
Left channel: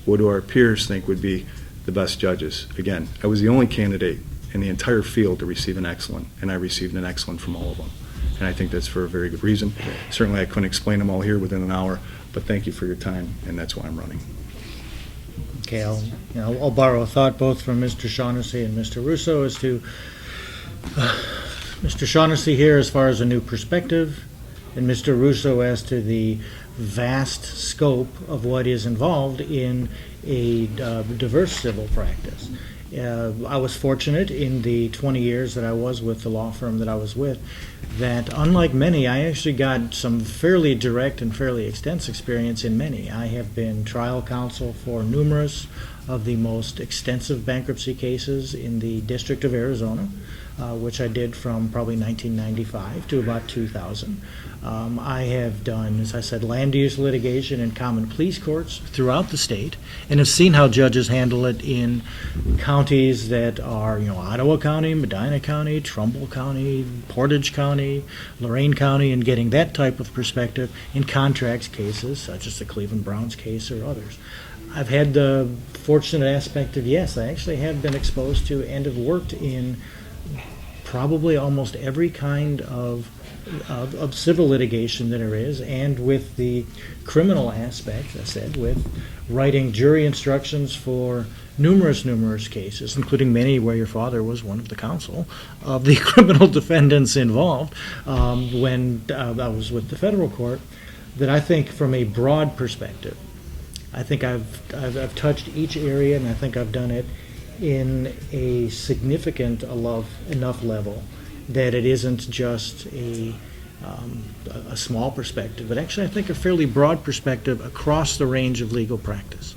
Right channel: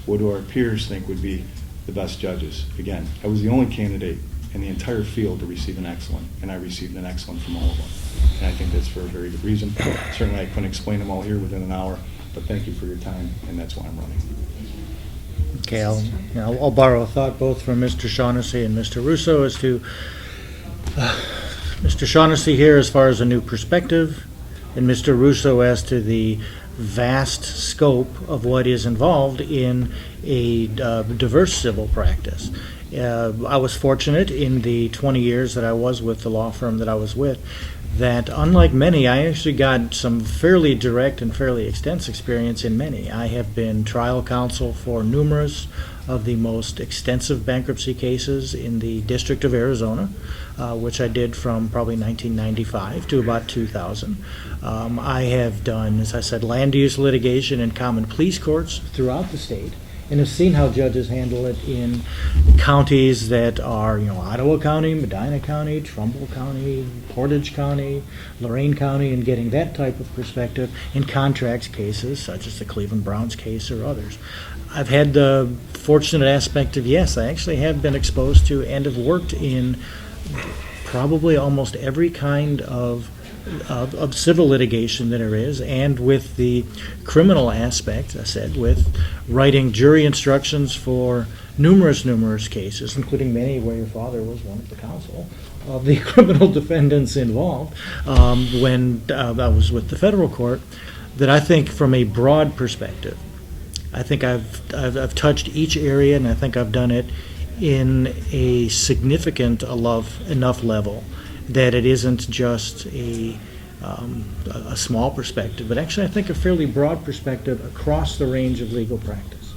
What do our peers think would be the best judges? Again, I was the only candidate in the entire field to receive an excellent, and I received an excellent from all of them. And I think that's for a very good reason. Certainly I couldn't explain them all here within an hour, but thank you for your time, and that's why I'm running. Okay, I'll borrow a thought both from Mr. Shaughnessy and Mr. Russo as to Mr. Shaughnessy here as far as a new perspective, and Mr. Russo as to the vast scope of what is involved in a diverse civil practice. I was fortunate in the 20 years that I was with the law firm that I was with that, unlike many, I actually got some fairly direct and fairly extensive experience in many. I have been trial counsel for numerous of the most extensive bankruptcy cases in the District of Arizona, which I did from probably 1995 to about 2000. I have done, as I said, land use litigation and common pleas courts throughout the state, and have seen how judges handle it in counties that are, Ottawa County, Medina County, Trumbull County, Portage County, Lorain County, and getting that type of perspective in contracts cases, such as the Cleveland Browns case or others. I've had the fortunate aspect of, yes, I actually have been exposed to and have worked in probably almost every kind of civil litigation that there is, and with the criminal aspect, I said, with writing jury instructions for numerous cases, including many where your father was one of the counsel of the criminal defendants involved when I was with the federal court, that I think from a broad perspective, I think I've touched each area, and I think I've done it in a significant enough level that it isn't just a small perspective, but actually I think a fairly broad perspective across the range of legal practice.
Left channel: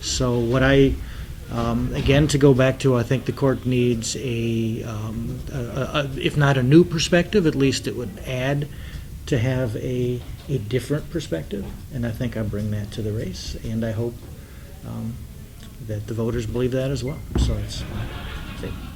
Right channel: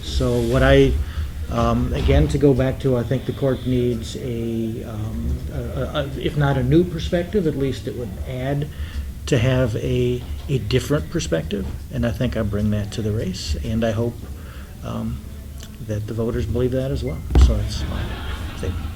So what again, to go back to, I think the court needs if not a new perspective, at least it would add to have a different perspective, and I think I bring that to the race, and I hope that the voters believe that as well. So that's my statement.